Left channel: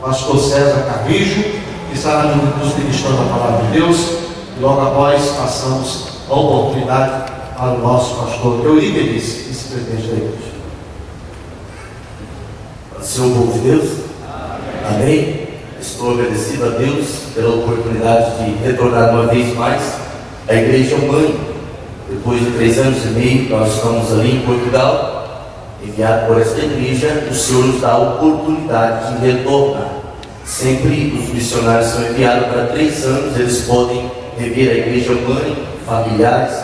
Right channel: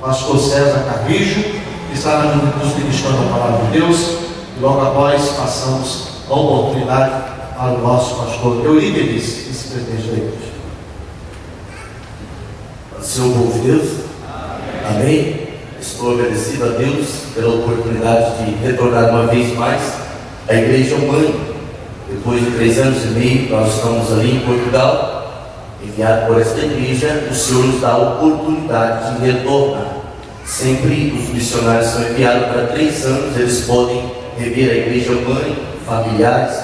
pastor César Carrijo, que estará nos ministrando a palavra de Deus, e logo após passamos a oportunidade para o nosso pastor Eurípides, vice-presidente da igreja. Senhor povo de Deus, amém. Estou agradecido a Deus pela oportunidade de retornar uma vez mais à igreja mãe. Depois de 3 anos e meio, nós estamos ali em Portugal, enviado por esta igreja. O Senhor nos dá a oportunidade de retornar. Sempre os missionários são enviados para 3 anos, eles podem rever a igreja mãe, familiares,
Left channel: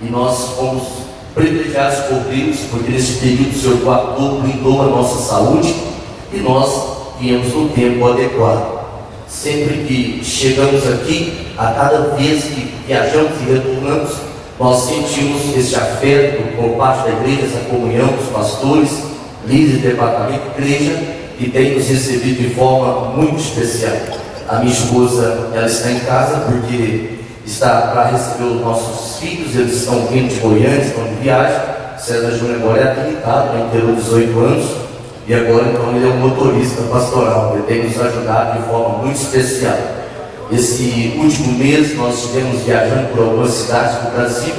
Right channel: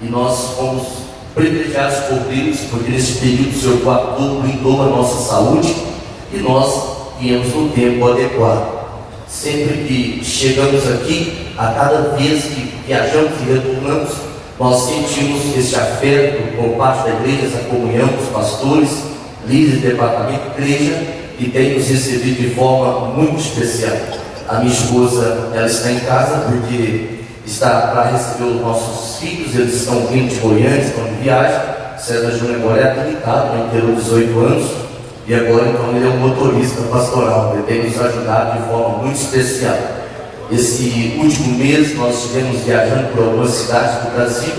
e nós fomos privilegiados por Deus, porque nesse período o Senhor guardou, blindou a nossa saúde, e nós viemos no tempo adequado. Sempre que chegamos aqui, a cada vez que viajamos e retornamos, nós sentimos esse afeto por parte da igreja, essa comunhão dos pastores, líderes do departamento de igreja, que tem nos recebido de forma muito especial. A minha esposa, ela está em casa porque está para receber os nossos filhos, eles estão vindo de Goiânia, estão de viagem. César Júnior agora é habilitado, né, inteirou 18 anos, e agora então ele é um motorista pastoral, ele tem nos ajudado de forma muito especial. Esse último mês nós estivemos viajando por algumas cidades do Brasil,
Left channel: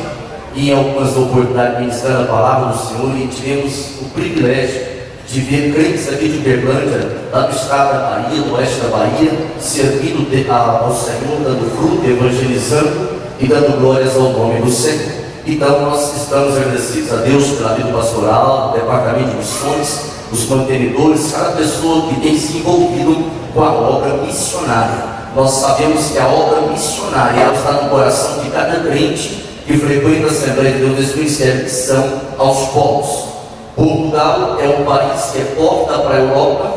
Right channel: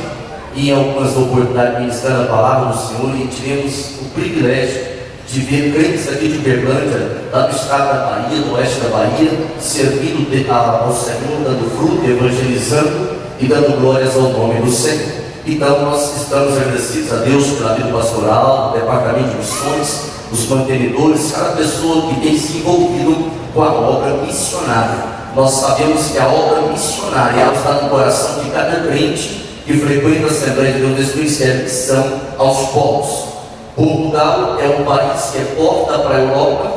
e em algumas oportunidades ministrando a palavra do Senhor, e tivemos o privilégio de ver crentes aqui de Uberlândia, lá do estado da Bahia, do oeste da Bahia, servindo ao Senhor, dando fruto, evangelizando e dando glórias ao nome do Senhor. Então nós estamos agradecidos a Deus pela vida pastoral, do departamento de missões, os mantenedores, cada pessoa que tem se envolvido com a obra missionária. Nós sabemos que a obra missionária ela está no coração de cada crente que frequenta a Assembleia de Deus desse ministério, que são aos povos. Portugal é um país que é porta para a Europa.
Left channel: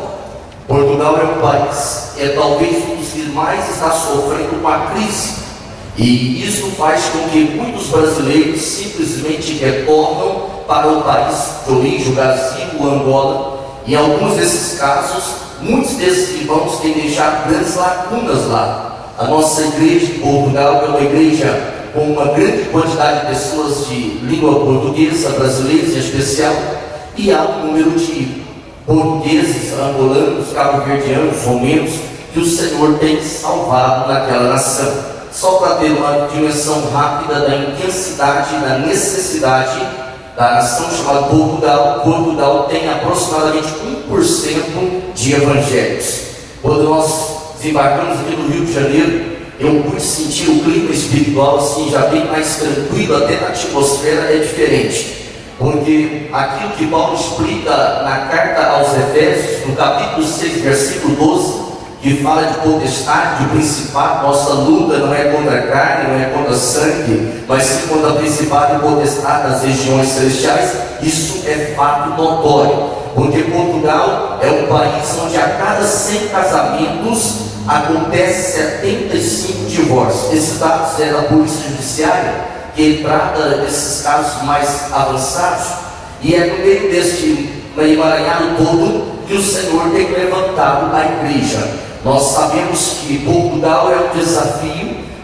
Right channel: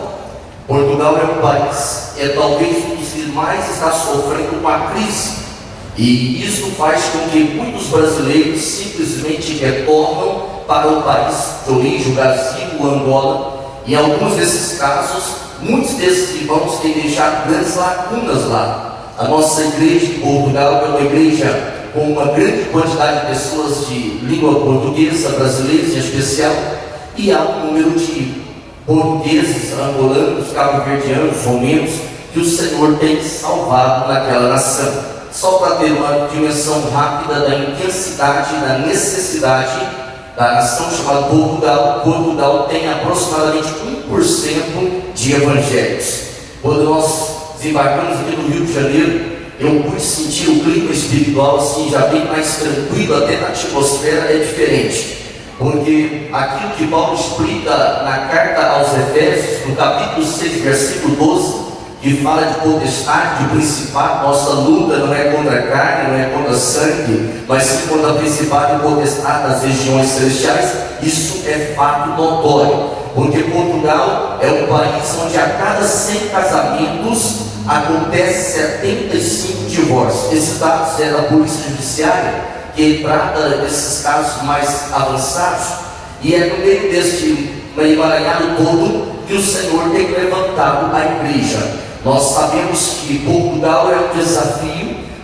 Portugal é um país, talvez um dos que mais está sofrendo com a crise. E isso faz com que muitos brasileiros simplesmente retornam para o país de origem, o Brasil, o Angola. E em alguns desses casos, muitos desses irmãos têm deixado grandes lacunas lá. A nossa igreja em Portugal é uma igreja com uma grande quantidade de pessoas de língua portuguesa, brasileiros em especial, e há um número de portugueses, angolanos, cabo-verdianos, romenos, que o Senhor tem salvado naquela nação. Só para ter uma dimensão rápida da intensidade, da necessidade da nação chamada Portugal, Portugal tem aproximadamente 1% de evangélicos. Quando nós desembarcamos aqui no Rio de Janeiro, eu pude sentir o clima espiritual assim, já bem mais tranquilo, até na atmosfera é diferente. Porque aquilo que Paulo explica na carta aos Efésios, no capítulo 6, versículo 12, que fala de potestade, de principado, nossa luta não é contra a carne, não é contra sangue, mas sim contra a principado e potestade das regiões celestiais. Isso é fato notório, porque Portugal é um país onde a cada 100 casamentos acontece 75 divórcios. Esses dados é da Polícia Judiciária, que trata desses casos mais avançados, e é no meio deste emaranhado todo que o Senhor tem levantado a igreja. Nós sabemos que Portugal é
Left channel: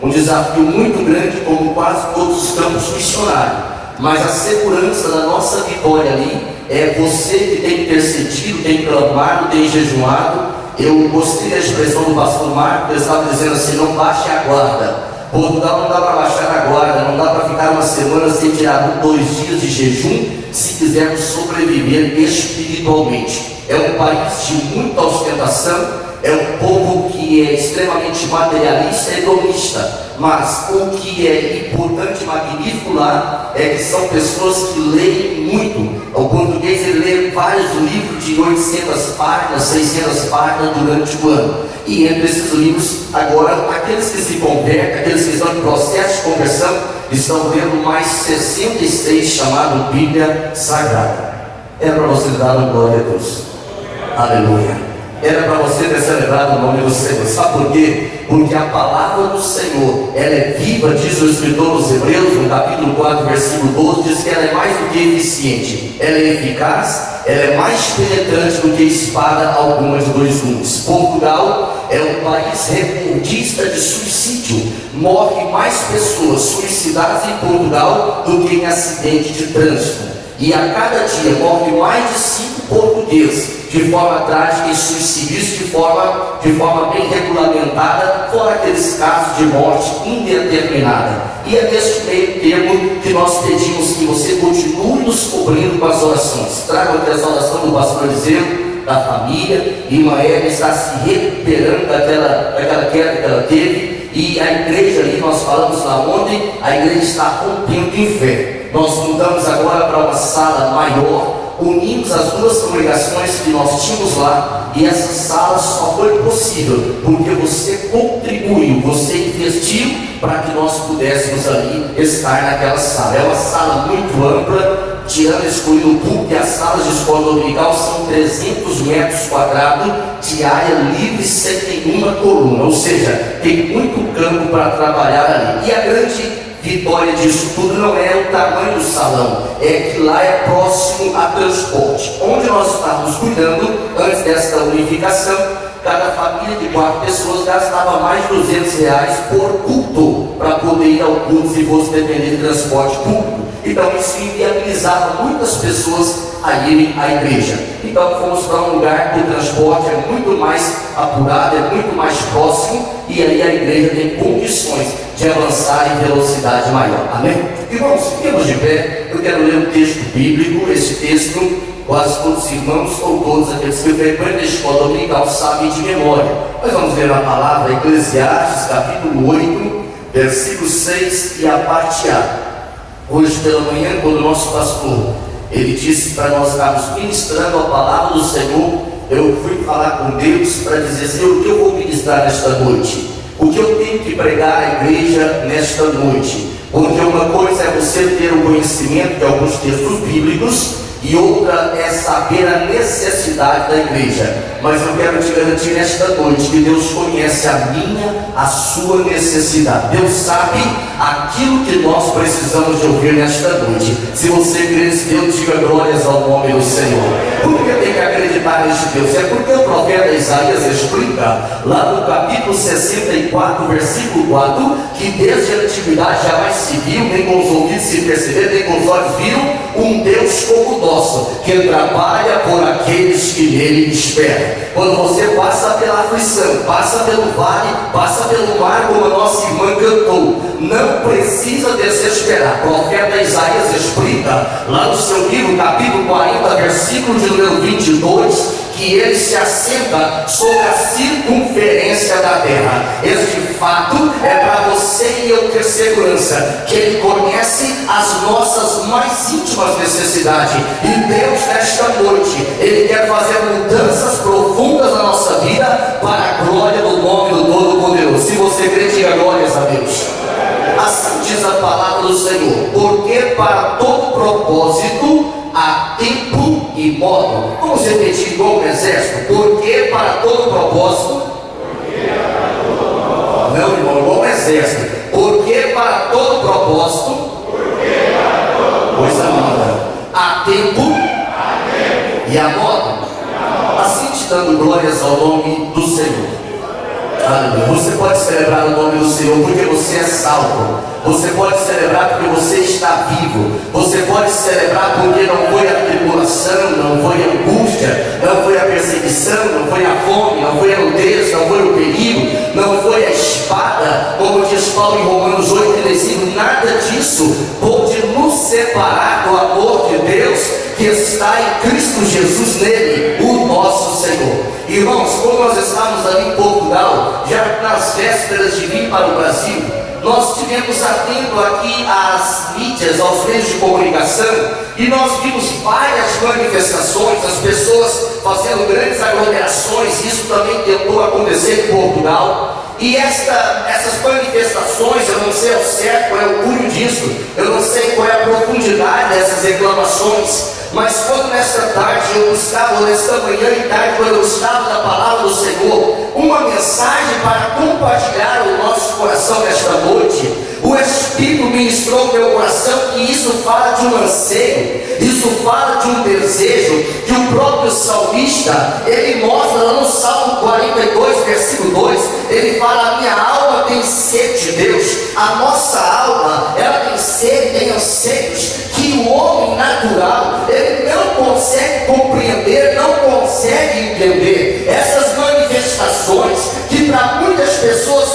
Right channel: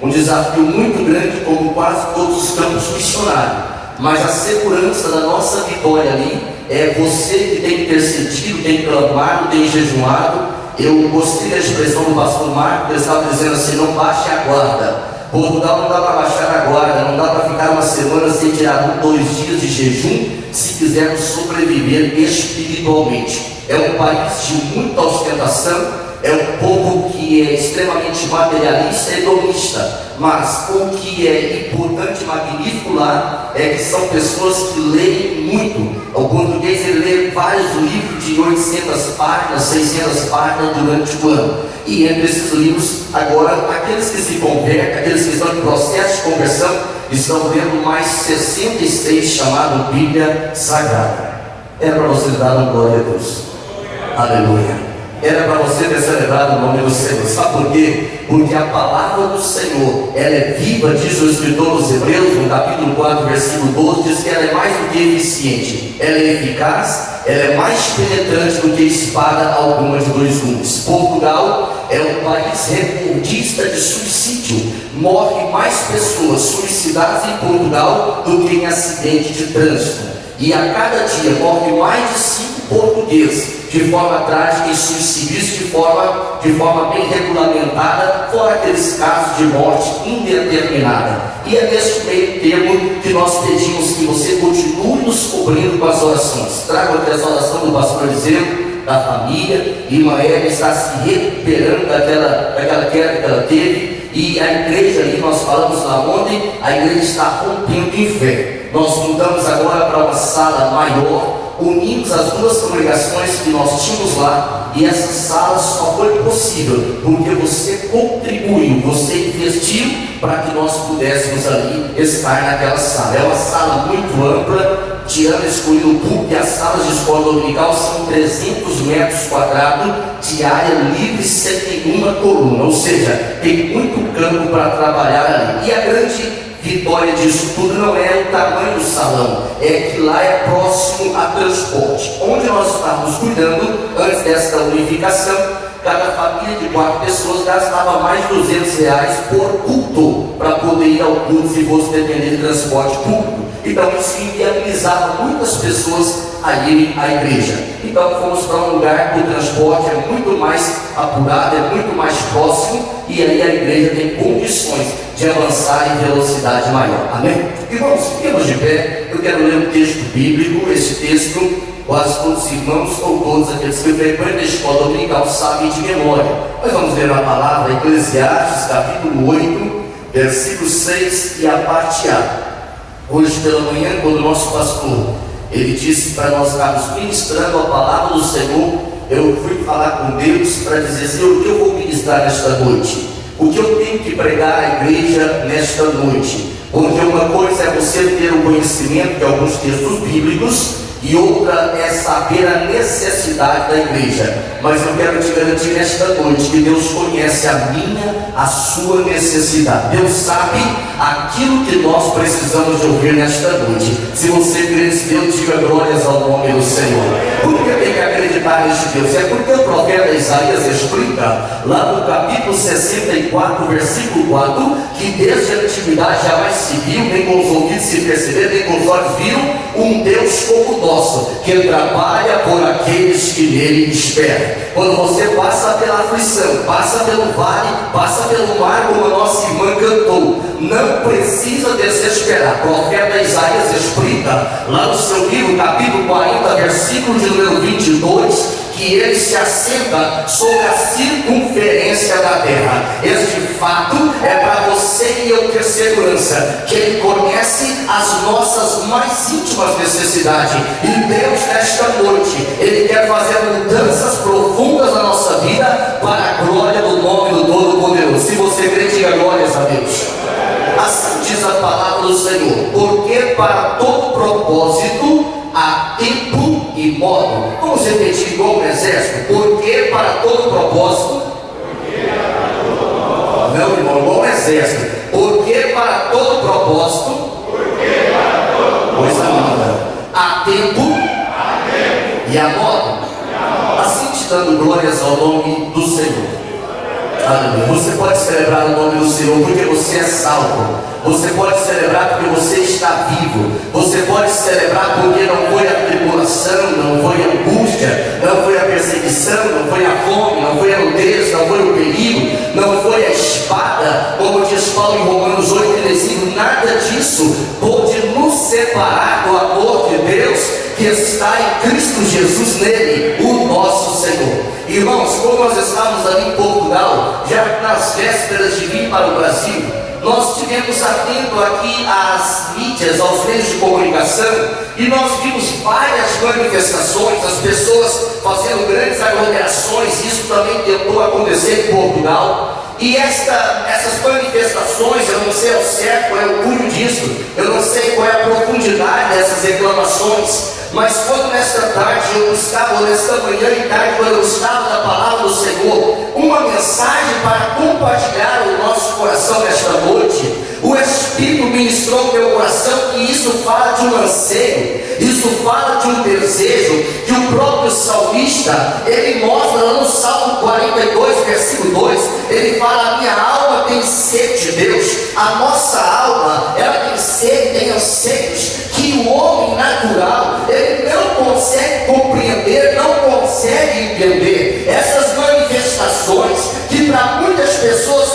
um desafio muito grande, como quase todos os campos missionários, mas a segurança da nossa vitória ali é você que tem intercedido, tem clamado, tem jejuado. Eu gostei da expressão do pastor Marco, ele estava dizendo assim: não baixe a guarda. Portugal não dá para baixar a guarda, não dá para ficar uma semana sem tirar 2 dias de jejum, se quisermos sobreviver espiritualmente. É um país de muita ostentação, é um povo que é extremamente materialista e hedonista, mas o que é importante e magnífico lá é que são pessoas que leem muito. O português ele lê vários livros de 800 páginas, 600 páginas durante o ano. E entre esses livros, agora, aqueles que se convertem, aqueles que estão em processo de conversão, estão lendo mais 66 chamado Bíblia Sagrada. É para vocês dar uma glória a Deus. Aleluia. Era para você ter celebrado o nome do Senhor. Sabe por quê? Porque a palavra do Senhor, ela é viva, diz o escritor aos Hebreus, no capítulo 4, versículo 12, diz que ela é mais do que eficiente, ela é eficaz, ela é mais penetrante do que espada alguma de 2 gumes. Portugal é um país recordista de suicídio. Morrem mais pessoas suicidadas em Portugal do que em acidente de trânsito. e a cada dia morre mais de 5 portugueses de forma trágica e suicídios de forma bem regulamentada, fora aqueles casos de morte indeterminada. E é nesse meio termo que nós pedimos que você continue nos cobrindo com as orações. Traga aqui as orações do pastor Eliseu, da família. Irmã Eva está se recuperando daquela queda que ela teve, e a igreja ali, nós falamos lá ontem, a igreja está rompendo em fé. Nós mudamos agora para uma sala maior, unimos as duas congregações que nós tínhamos lá, e essa sala só foi possível porque você contribuiu, você investiu para que nós pudéssemos ali estar naquela sala. É uma sala muito ampla, tirando excluindo o público, e as salas de escola dominical são 300 metros quadrados de área livre, sem nenhuma coluna, ou seja, tem muito campo para trabalhar ali. E a grande vitória disso tudo não é o tamanho do salão, é que lá é próximo a transporte. Onde nós estávamos cuidando antes desta unificação, cada família de 4 pessoas gastava mais de R$200 por culto para poder ir ao culto se fosse depender de transporte público. Então isso inviabilizava muitas pessoas a irem à igreja. Então fomos para um lugar que o transporte é muito mais apurado, é muito mais próximo, e aí a igreja tem condições de avançar em velocidade maior. Amém? Irmãos, fiquemos de pé. Eu quero ler um texto bíblico. Esse texto quase todos os irmãos ou todos aqueles que frequentam a escola dominical sabem de memória. Nós vamos ler a palavra Eclesiastes, capítulo 8, versículo 6 e a parte A. Hoje pela manhã, quando o nosso pastor ele disse para nós estarmos ministrando a palavra do Senhor, eu fui falar com Deus para dizer: Senhor, o que eu vou ministrar nesta noite? O que eu tenho que pregar à igreja nesta noite? Porque uma coisa é você ter o conhecimento de alguns textos bíblicos, e outra é saber a necessidade da igreja. Mas eu quero te garantir nesta noite que Deus conhece a minha, a sua necessidade. Deus sabe aquilo que nós precisamos de ouvir nesta noite. Se você crê nesse Deus, diga glórias ao nome do Senhor. Por que tem que acreditar neste Deus? É porque o profeta Isaías explica lá no capítulo 64, versículo 4, que desde a antiguidade jamais se viu, nem com os ouvidos se perceberam, nem com os olhos viram um Deus como o nosso, que trabalha por aqueles que nele esperam. Quando você passa pela aflição, passa pelo vale, passa pelo mar, como a nossa irmã cantou, não precisa desesperar. O profeta Isaías explica lá no seu livro, capítulo 40, versículo de número 22, que ele se assenta sobre a circunferência da terra. Este fato é para você e eu ter segurança, que ele conhece as nossas mais íntimas necessidades. E Deus, nesta noite, ele quer fazer mudanças profundas na nossa vida para a glória do nome do Todo-Poderoso. Se você crê, diga glórias a Deus. Assim diz a palavra do Senhor: porque para todo propósito há tempo e modo. Vamos repetir igual o exército: porque para todo propósito. Não, irmão, igual o exército: porque para todo propósito. Coisa linda. Há tempo e há modo. Assim te dando glórias ao nome do Senhor. Aleluia. Você pode celebrar o nome do Senhor porque você é salvo. Você pode celebrar porque você está vivo. Você pode celebrar porque não foi a tribulação, não foi a angústia, não foi a perseguição, não foi a fome, não foi a nudez, não foi o perigo, não foi a espada, como diz Paulo em Romanos 8:35. Nada disso pode nos separar do amor de Deus que está em Cristo Jesus, nele, o nosso Senhor. Irmãos, como nós estávamos ali em Portugal, já nas vésperas de vir para o Brasil, nós estivemos atento aqui às mídias, aos meios de comunicação, e nós vimos várias manifestações, as pessoas fazendo grandes aglomerações. Isso também tentou acontecer em Portugal. E essas manifestações, eu não sei ao certo qual é o cunho disso, eu não sei qual é a profundidade dessas reclamações, mas quando nesta tarde eu buscava, nesta manhã e tarde, quando eu estava na palavra do Senhor, uma mensagem para compartilhar o nosso coração nesta noite, o Espírito ministrou no meu coração que isso fala de um anseio, isso fala de um desejo, que o próprio salmista, ele mostra lá no Salmo 42, versículo 2, ele fala: a minha alma tem sede de Deus. A nossa alma, ela tem sede, tem anseios que o homem natural consegue compreender, não consegue entender essas manifestações que para muitas pessoas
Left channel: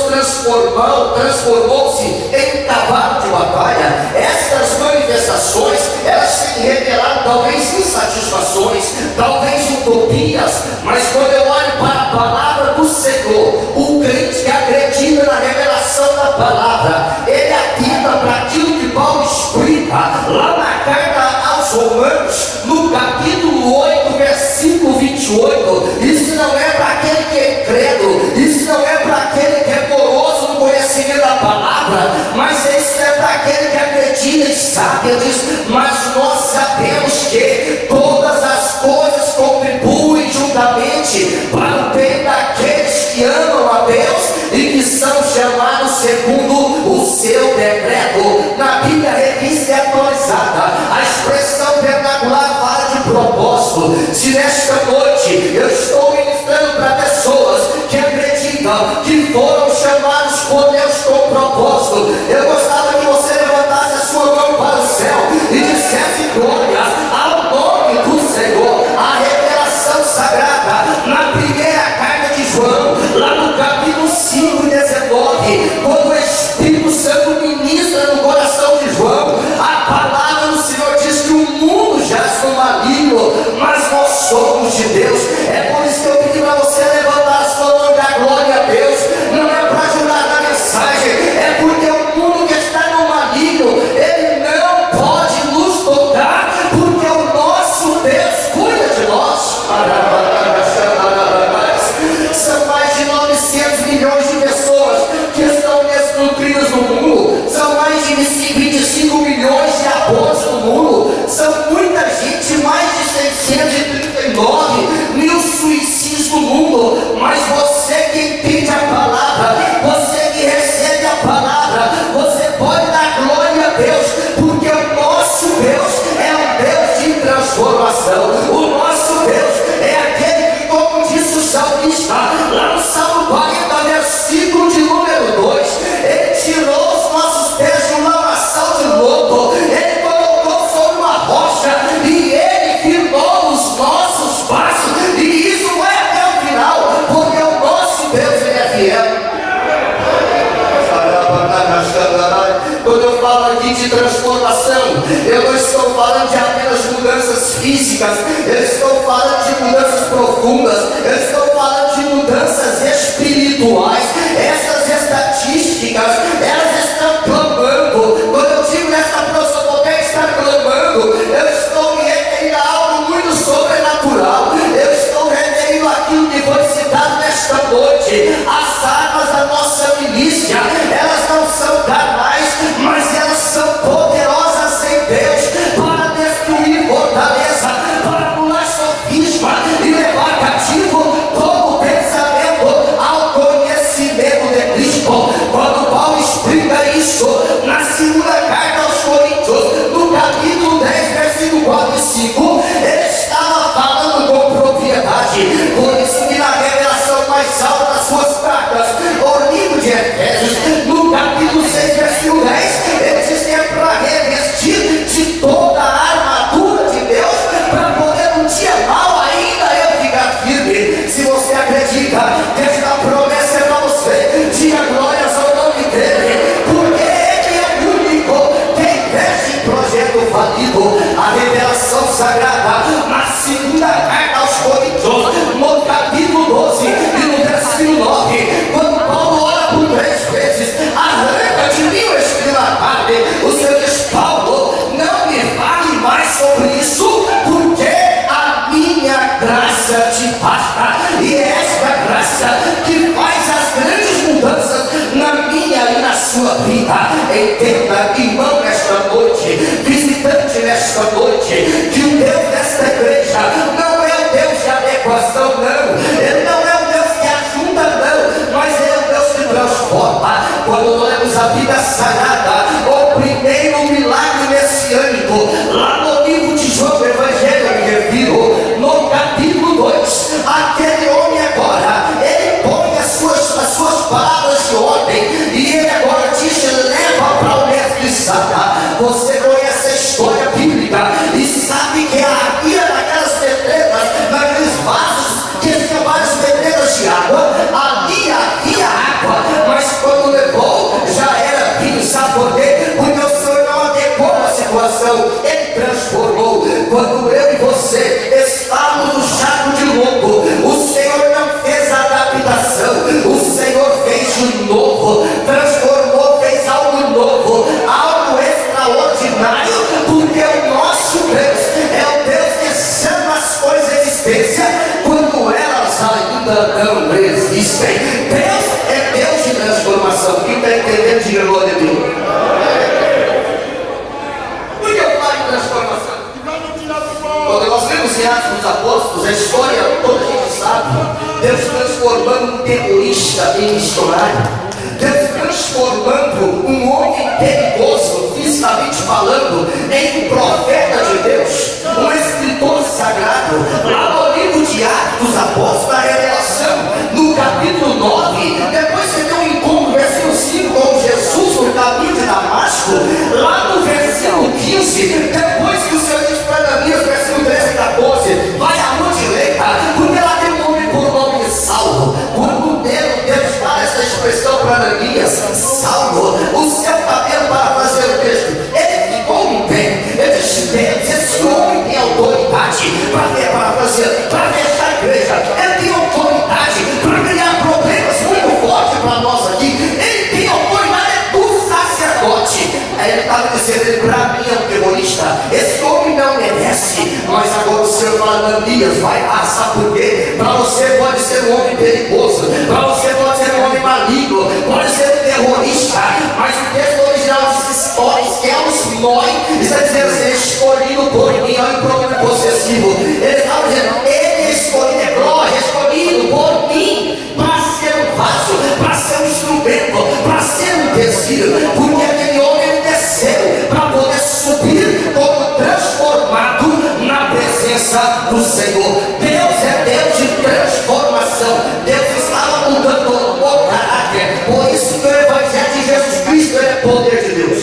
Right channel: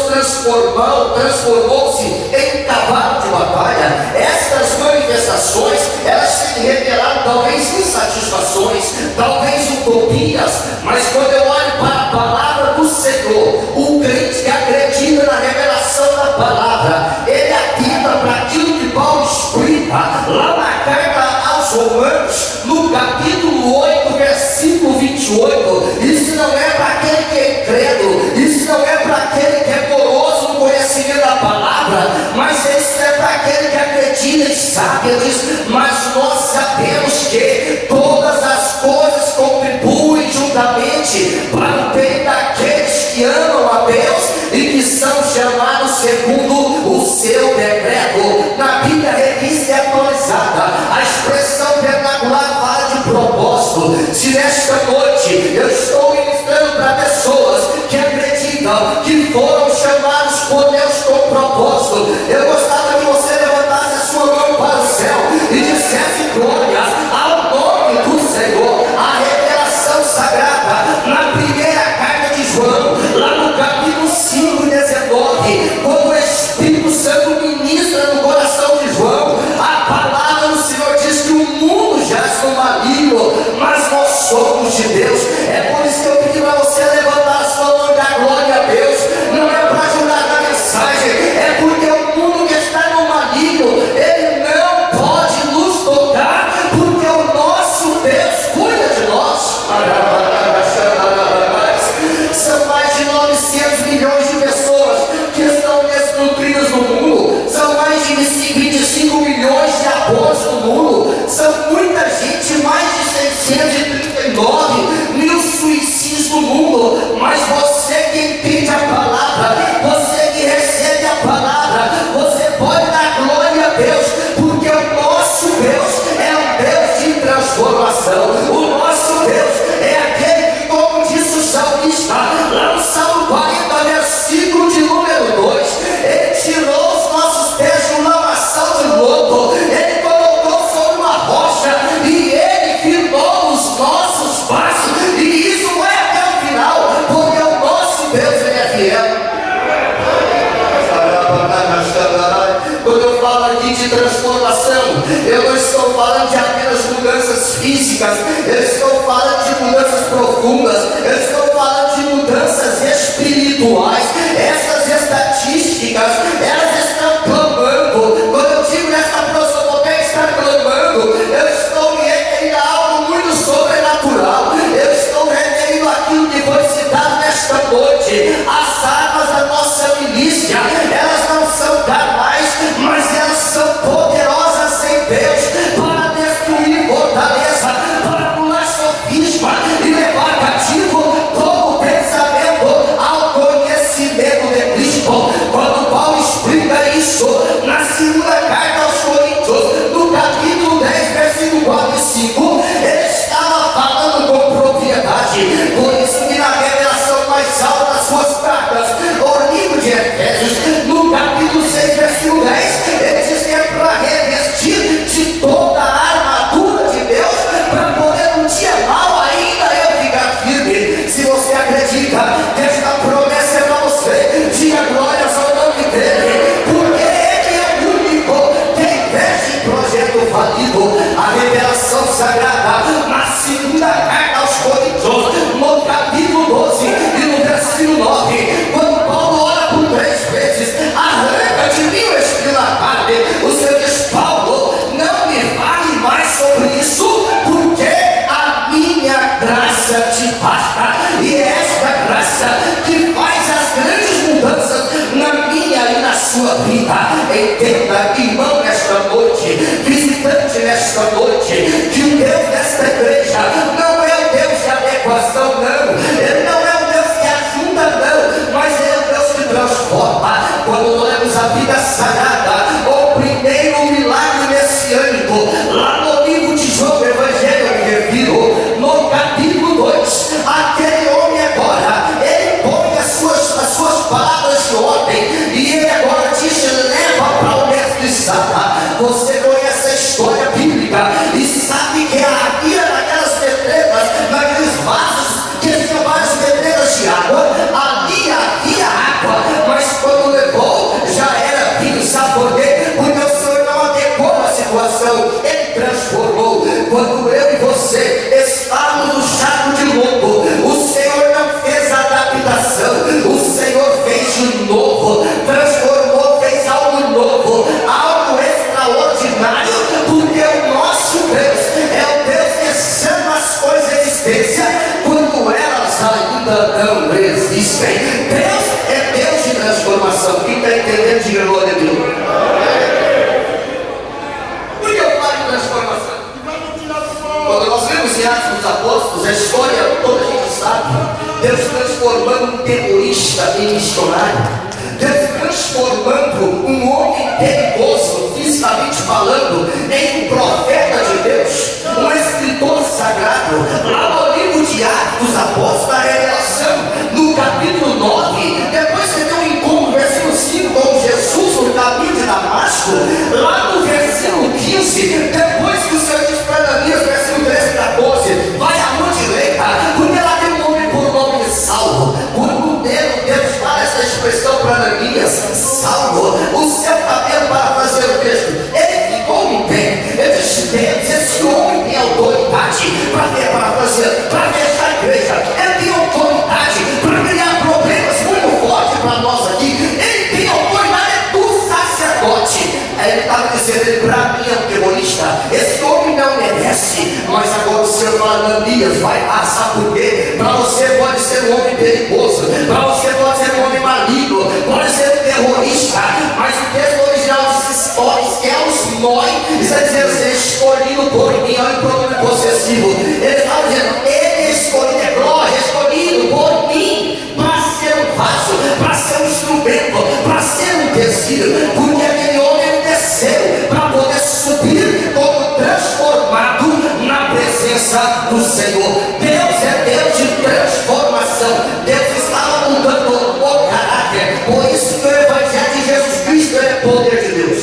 transformou-se em cavalo de batalha. Essas manifestações, elas têm revelado talvez insatisfações, talvez utopias, mas quando eu olho para a palavra do Senhor, o crente que acredita na revelação da palavra, ele atenta para aquilo que Paulo explica lá na carta aos Romanos, no capítulo 8, versículo 28. Isso não é para aquele que é incrédulo, isso não é para aquele que é poroso no conhecimento da palavra, mas isso é para aquele que acredita e sabe. Ele diz: mas nós sabemos que todas as coisas contribuem juntamente para o bem daqueles que amam a Deus e que são chamados segundo o seu decreto. Na Bíblia Revista e Atualizada, a expressão vernacular fala de propósito. Se nesta noite eu estou ministrando para pessoas que acreditam que foram chamados por Deus com propósito, eu gostava que você levantasse a sua mão para o céu e dissesse glória ao nome do Senhor. A revelação sagrada na primeira carta de João, lá no capítulo 5, 19, quando o Espírito Santo ministra no coração de João, a palavra do Senhor diz que o mundo jaz no maligno, mas nós somos de Deus. É por isso que eu pedi para você levantar a sua mão e dar glória a Deus. Não é para ajudar na mensagem, é porque o mundo que está no maligno, ele não pode nos tocar, porque o nosso Deus cuida de nós. São mais de 900 milhões de pessoas que estão desnutridas no mundo. São mais de 25 milhões de abortos no mundo. São muita gente, mais de 639 mil suicídios no mundo. Mas você que entende a palavra, você que recebe a palavra, você pode dar glória a Deus, porque o nosso Deus é um Deus de transformação. O nosso Deus é aquele que, como disse o salmista, lá no Salmo 40, versículo de número 2, ele tirou os nossos pés de um lamaçal de lodo, ele colocou sobre uma rocha e ele firmou os nossos passos, e isso vai até o final, porque o nosso Deus, ele é fiel. Quando eu falo aqui de transformação, eu não estou falando de apenas mudanças físicas, eu estou falando de mudanças profundas, eu estou falando de mudanças espirituais. Essas estatísticas, elas estão clamando. Quando eu digo nessa prosopopeia está clamando, eu estou me referindo a algo muito sobrenatural. Eu estou referindo aquilo que foi citado nesta noite. As armas da nossa milícia, elas não são carnais, mas elas são poderosas em Deus para destruir fortaleza, para anular sofisma e levar cativo todo pensamento ao conhecimento de Cristo. Quando Paulo explica isso na segunda carta aos Coríntios, no capítulo 10, versículo 4 e 5, ele estava falando com propriedade. Por isso que na revelação mais alta das suas cartas, o livro de Efésios, no capítulo 6, versículo 10, ele diz que é para revestir de toda a armadura de Deus, para poder um dia mal ainda eu ficar firme. Se você acredita que esta promessa é para você, diga glórias ao nome dele, porque ele é o único que investe em projeto falido. A revelação sagrada na segunda carta aos Coríntios, no capítulo 12 e no versículo 9, quando Paulo ora por 3 vezes: arranca de mim o espinho na carne. O Senhor diz: Paulo, não me fale mais sobre isso, porque a minha graça te basta. E é esta graça que faz as grandes mudanças na minha e na sua vida. Entenda, irmão, nesta noite, visitante nesta noite, que o Deus desta igreja não é o Deus de adequação, não. Ele não é o Deus que ajuda, não, mas é o Deus que transforma. Quando olhamos a vida sagrada, o primeiro milagre messiânico, lá no livro de João, o Evangelho eu me refiro, no capítulo 2, aquele homem agora, ele põe as suas palavras de ordem, e ele agora te leva para o mestre Sara. Você conhece a história bíblica e sabe que a ira transformação. Ele transformou. Quando eu e você estávamos no chaco de louco, o Senhor não fez adaptação, o Senhor fez de novo, transformou, fez algo novo, algo extraordinário, porque o nosso Deus é o Deus que chama as coisas à existência quando elas ainda não existem. Deus é Deus de transformação. Quem está entendendo, diga glória a Deus. Por que eu falo de transformação? Quando nós vemos em Atos dos Apóstolos, a história toda a gente sabe, Deus transformando um terrorista em missionário, Deus transformando um homem perigoso, fisicamente falando, em um profeta de Deus, um escritor sagrado. Lá no livro de Atos dos Apóstolos, a revelação, no capítulo 9, depois você tem um encontro, versículo 5, com Jesus no caminho de Damasco. Lá no versículo 15, depois que o Senhor diz para Ananias, versículo 13 e 14, vai à direita, porque lá tem um homem por nome de Saulo. Quando Deus fala essa expressão para Ananias, Saulo, o seu cabelo, para fazer o texto, ele ficou em pé. Ele disse: Deus, esse homem tem autoridade para fechar a igreja, ele tem autoridade para criar problemas muito fortes para nós aqui, ele tem autoridade do sacerdote. Aí ele estava dizendo: para mim é um terrorista, esse homem não merece. Mas agora o Senhor fala: Ananias, vai lá, sabe por quê? Para você pode ser um homem perigoso, para você pode ser um homem maligno, pode ser um terrorista, mas o texto original diz histórias, que é os nós, está dizendo assim: escolhido por mim. Olha o pronome possessivo, ele está dizendo: ele escolhido, é glória, escolhido por mim, para ser um vaso, para ser um instrumento, para ser um tecido, porque aquele homem desceu para poder subir como transformado na presença do Senhor. Deus é Deus de transformação. Deus estava mudando o caráter. Por isso que o Evangelho de Jesus Cristo é poder de Deus.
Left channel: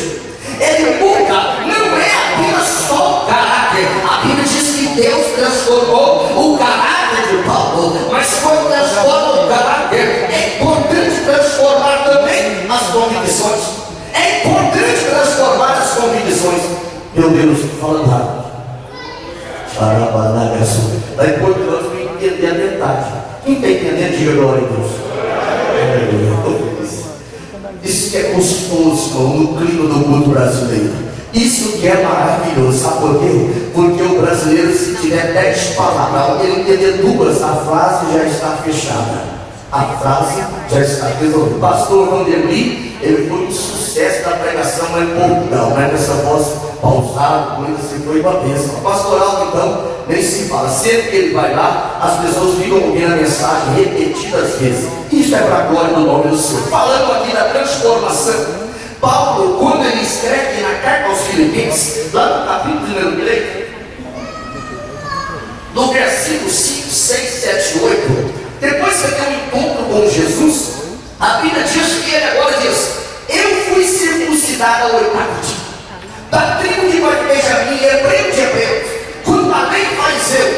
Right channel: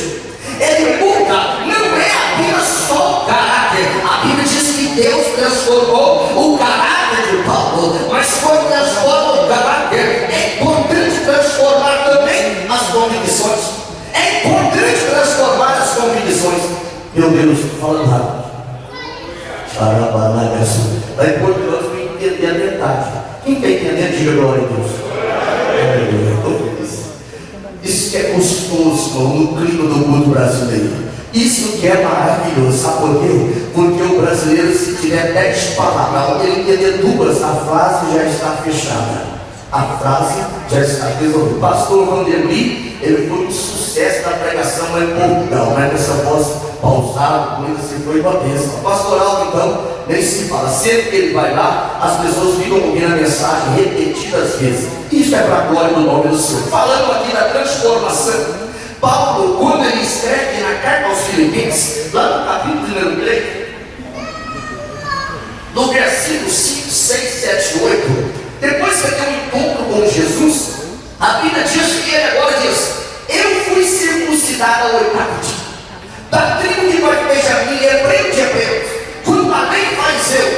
Ele muda, não é apenas só o caráter. A Bíblia diz que Deus transformou o caráter de Paulo, mas quando transforma o caráter, é importante transformar também as convicções. É importante transformar as convicções. Meu Deus, estou falando rápido. É importante nós entender a metade. Quem está entendendo, diga glória a Deus. Isso que é gostoso, irmão, no clima do mundo brasileiro. Isso que é maravilhoso. Sabe por quê? Porque o brasileiro, se tiver 10 palavras, ele entender duas, a frase já está fechada. A frase já está resolvida. O pastor Vanderly, ele foi um sucesso da pregação, mas não, né? Essa voz pausada, coisa assim, foi uma bênção. Pastoral, então, nem se fala. Sempre que ele vai lá, as pessoas ficam ouvindo a mensagem repetidas vezes. Isso é para a glória do nome do Senhor. Falando aqui da transformação, Paulo, quando ele escreve na carta aos Filipenses, lá no capítulo número 3, no versículo 5, 6, 7, 8, depois que tem um encontro com Jesus, a Bíblia diz que ele agora diz: eu fui circuncidado ao 8º dia, da tribo de Benjamim, hebreu de hebreus. Quando a lei fariseu,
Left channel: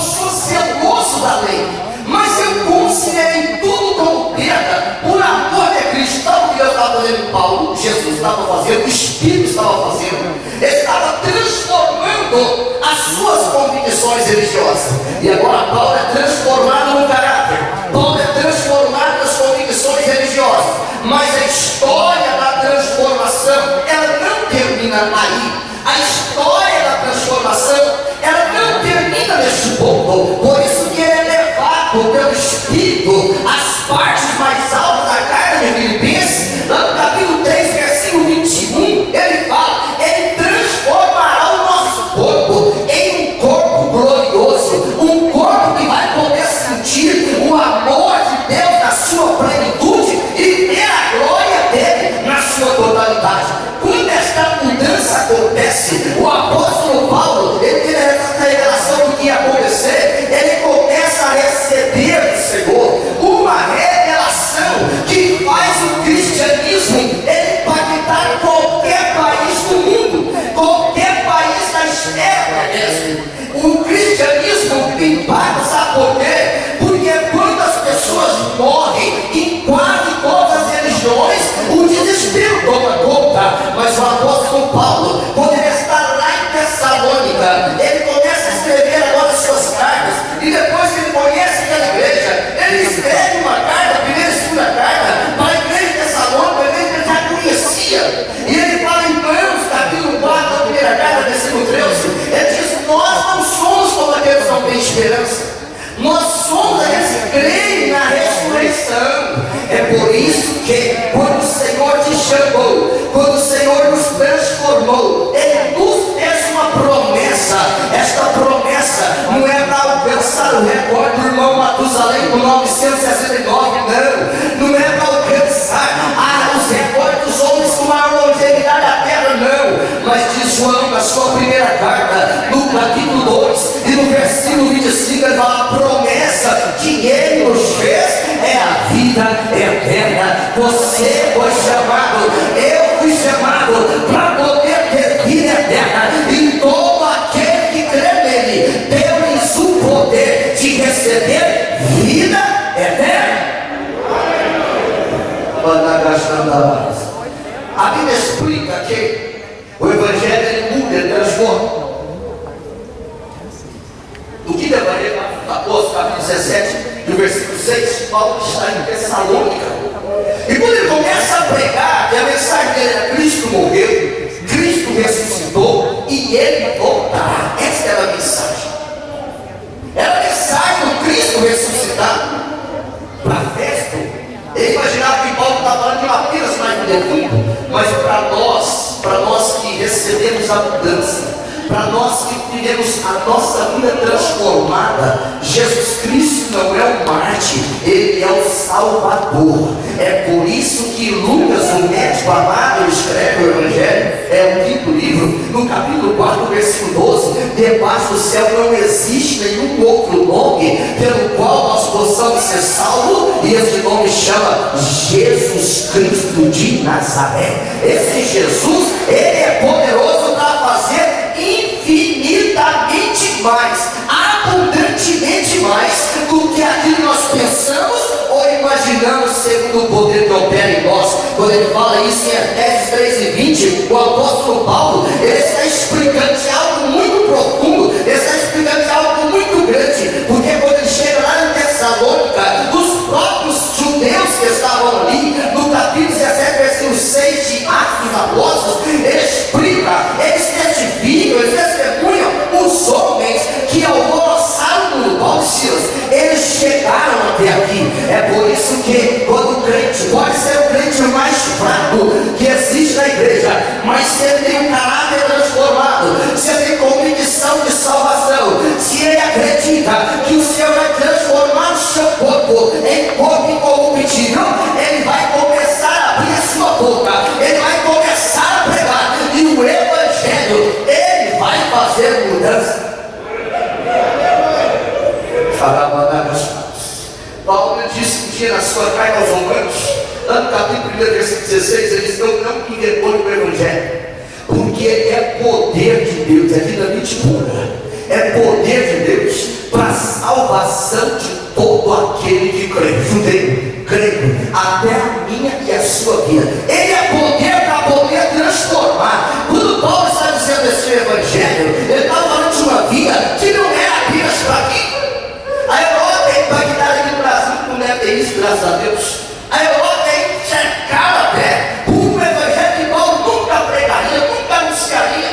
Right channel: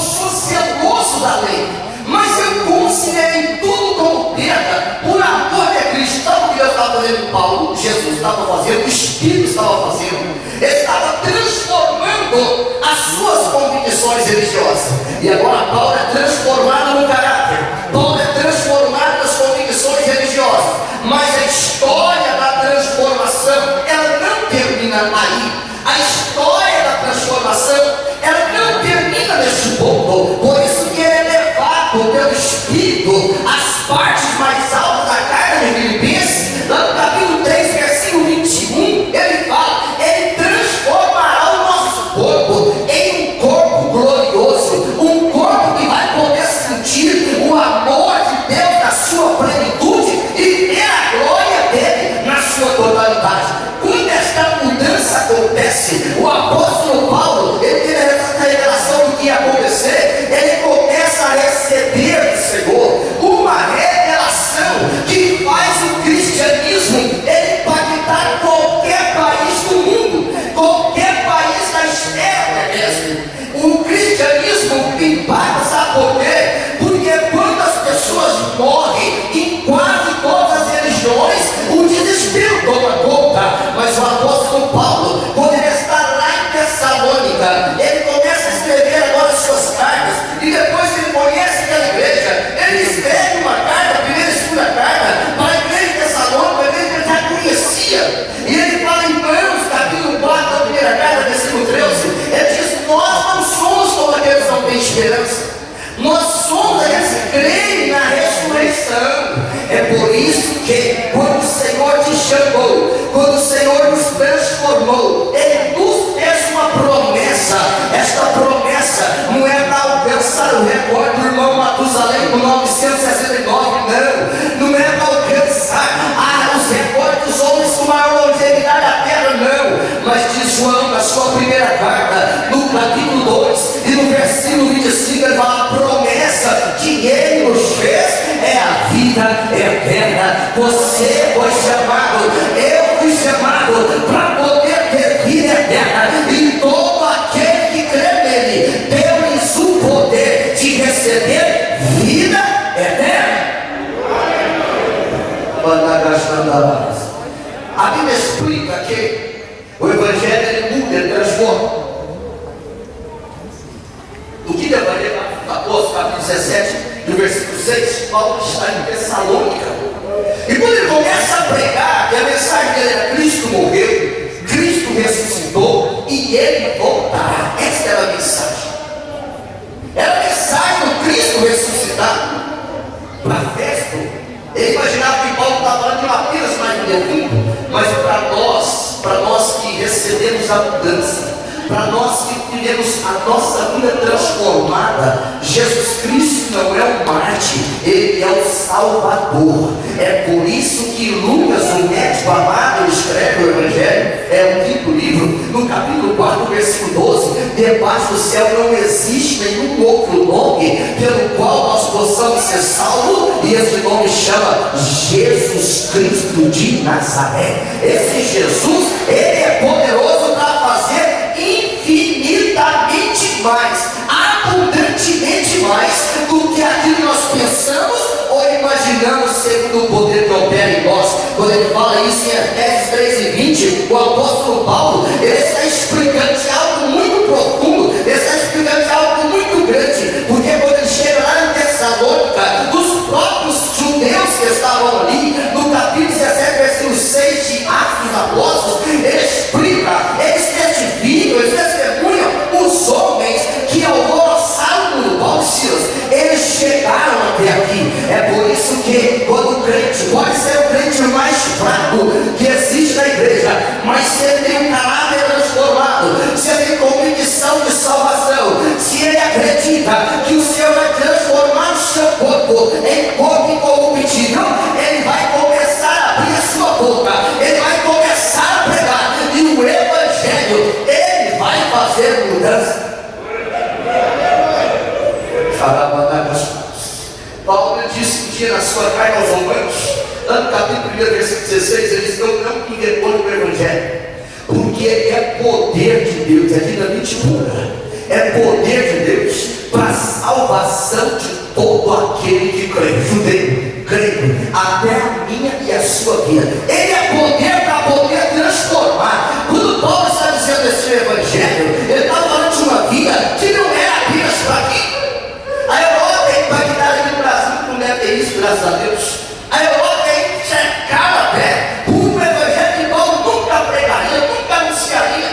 sou zeloso da lei, mas eu considerei tudo como perda por amor de Cristo. Então o que Deus estava fazendo em Paulo, Jesus estava fazendo, o Espírito estava fazendo, ele estava transformando as suas convicções religiosas. E agora Paulo é transformado no caráter, Paulo é transformado nas convicções religiosas. Mas a história da transformação, ela não termina aí. A história da transformação, ela não termina neste ponto. Por isso que ele é levado pelo Espírito às partes mais altas da carta de Filipenses. Lá no capítulo 3, versículo 21, ele fala: ele transformará o nosso corpo em um corpo glorioso, um corpo que vai poder sentir o amor de Deus na sua plenitude e ver a glória dele na sua totalidade. Quando esta mudança acontece, o apóstolo Paulo, ele tem essa revelação do que ia acontecer, ele começa a receber do Senhor uma revelação no versículo 25 ele fala: a promessa que ele nos fez é a vida eterna. Você foi chamado, eu fui chamado para poder ter vida eterna, e todo aquele que crê nele tem-lhes o poder de receber vida eterna. A Bíblia explica que o Evangelho ele muda, ele transforma. No quinto Evangelho dos Apóstolos, capítulo 17, no versículo 6, Paulo está em Tessalônica. E quando ele começa a pregar, que a mensagem dele era: Cristo morreu, Cristo ressuscitou e ele voltará. Essa era a mensagem. Era a mensagem do Cristo ressuscitado. Para festa, ele imaginava que Paulo estava falando de apenas mais um defunto, mas para nós que recebemos a mudança, para nós que vivemos a nossa vida transformada, Jesus Cristo não é um Marte, Ele é o Salvador. É por isso que Lucas, o médico amado, escreve o Evangelho, é o quinto livro, no capítulo 4, versículo 12: debaixo do céu não existe nenhum outro nome pelo qual nós possamos ser salvos, e esse nome chama Jesus Cristo de Nazaré. Esse Jesus, ele é poderoso para fazer infinitamente mais, abundantemente mais do que aquilo que nós pensamos ou imaginamos, segundo o poder que opera em nós. Quando ele fala isso em Efésios 3:20, o apóstolo Paulo, ele está explicando de algo muito profundo, ele está explicando de algo muito grande, porque quando ele chega lá em Tessalônica, os próprios judeus que estavam ali, no capítulo 17, versículo 6 de Atos dos Apóstolos, ele explica, eles testificam, eles testemunham os homens que alvoroçaram por Paulo e Silas. Eles chegaram até aqui. É por isso que quando o crente, pode ser o crente mais fraco que existe na igreja, mas se ele tem um caráter transformado, se ele tem convicção de salvação, se ele acredita que o Senhor vai transformar o seu corpo em corpo incorruptível, ele vai começar a abrir a sua boca, ele vai começar a pregar, e o Evangelho, ele vai fazer mudança. Paulo disse um dia na sua carta aos Romanos, lá no capítulo 1, versículo 16, ele diz: não me envergonhe do Evangelho, porque é poder de Deus, é dinamite pura, é poder de Deus para a salvação de todo aquele que crê, judeu, grego, até a minha e a sua vida. Ele é poder para poder transformar. Quando Paulo está dizendo esse Evangelho, ele está falando de uma vida que não era apenas para aqui. A Europa é impactada no Brasil, não deve ter isso, graças a Deus. A Europa é cercada até por um Evangelho que Paulo nunca pregaria, nunca anunciaria.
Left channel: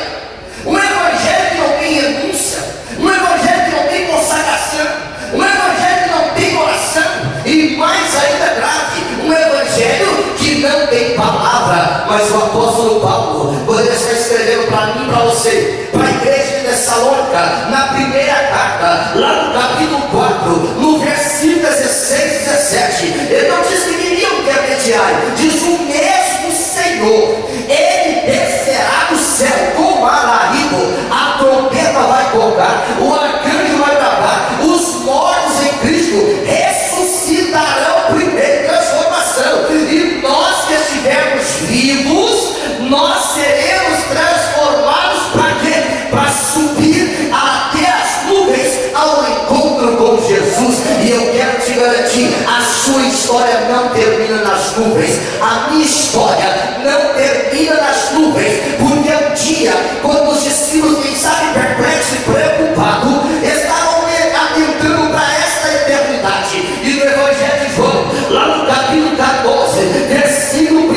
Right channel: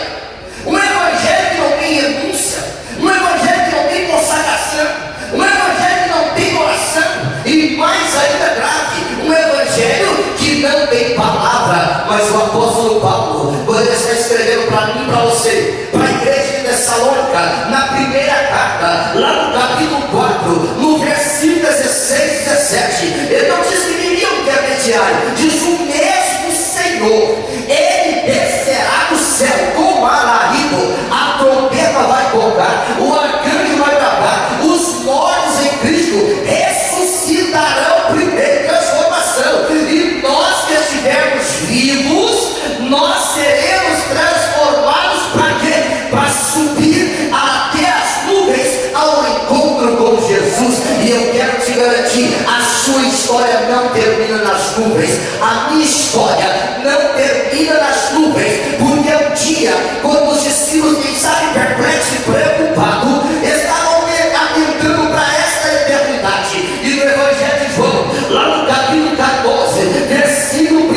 Um Evangelho que não tem renúncia, um Evangelho que não tem consagração, um Evangelho que não tem oração, e mais ainda grave, um Evangelho que não tem palavra. Mas o apóstolo Paulo, quando ele está escrevendo para mim e para você, para a igreja de Tessalônica, na primeira carta, lá no capítulo 4, no versículo 16 e 17, ele não diz que iriam intermediário, diz: o mesmo Senhor, ele descerá do céu com alarido, a trombeta vai tocar, o arcanjo vai bradar, os mortos em Cristo ressuscitarão primeiro, transformação, e nós que estivermos vivos, nós seremos transformados para quê? Para subir até as nuvens ao encontro com Jesus. E eu quero te garantir, a sua história não termina nas nuvens, a minha história não termina nas nuvens, porque um dia, quando os discípulos, quem sabe, perplexos e preocupados, estavam atentando para esta eternidade, e no Evangelho de João, lá no capítulo 14, versículo 1,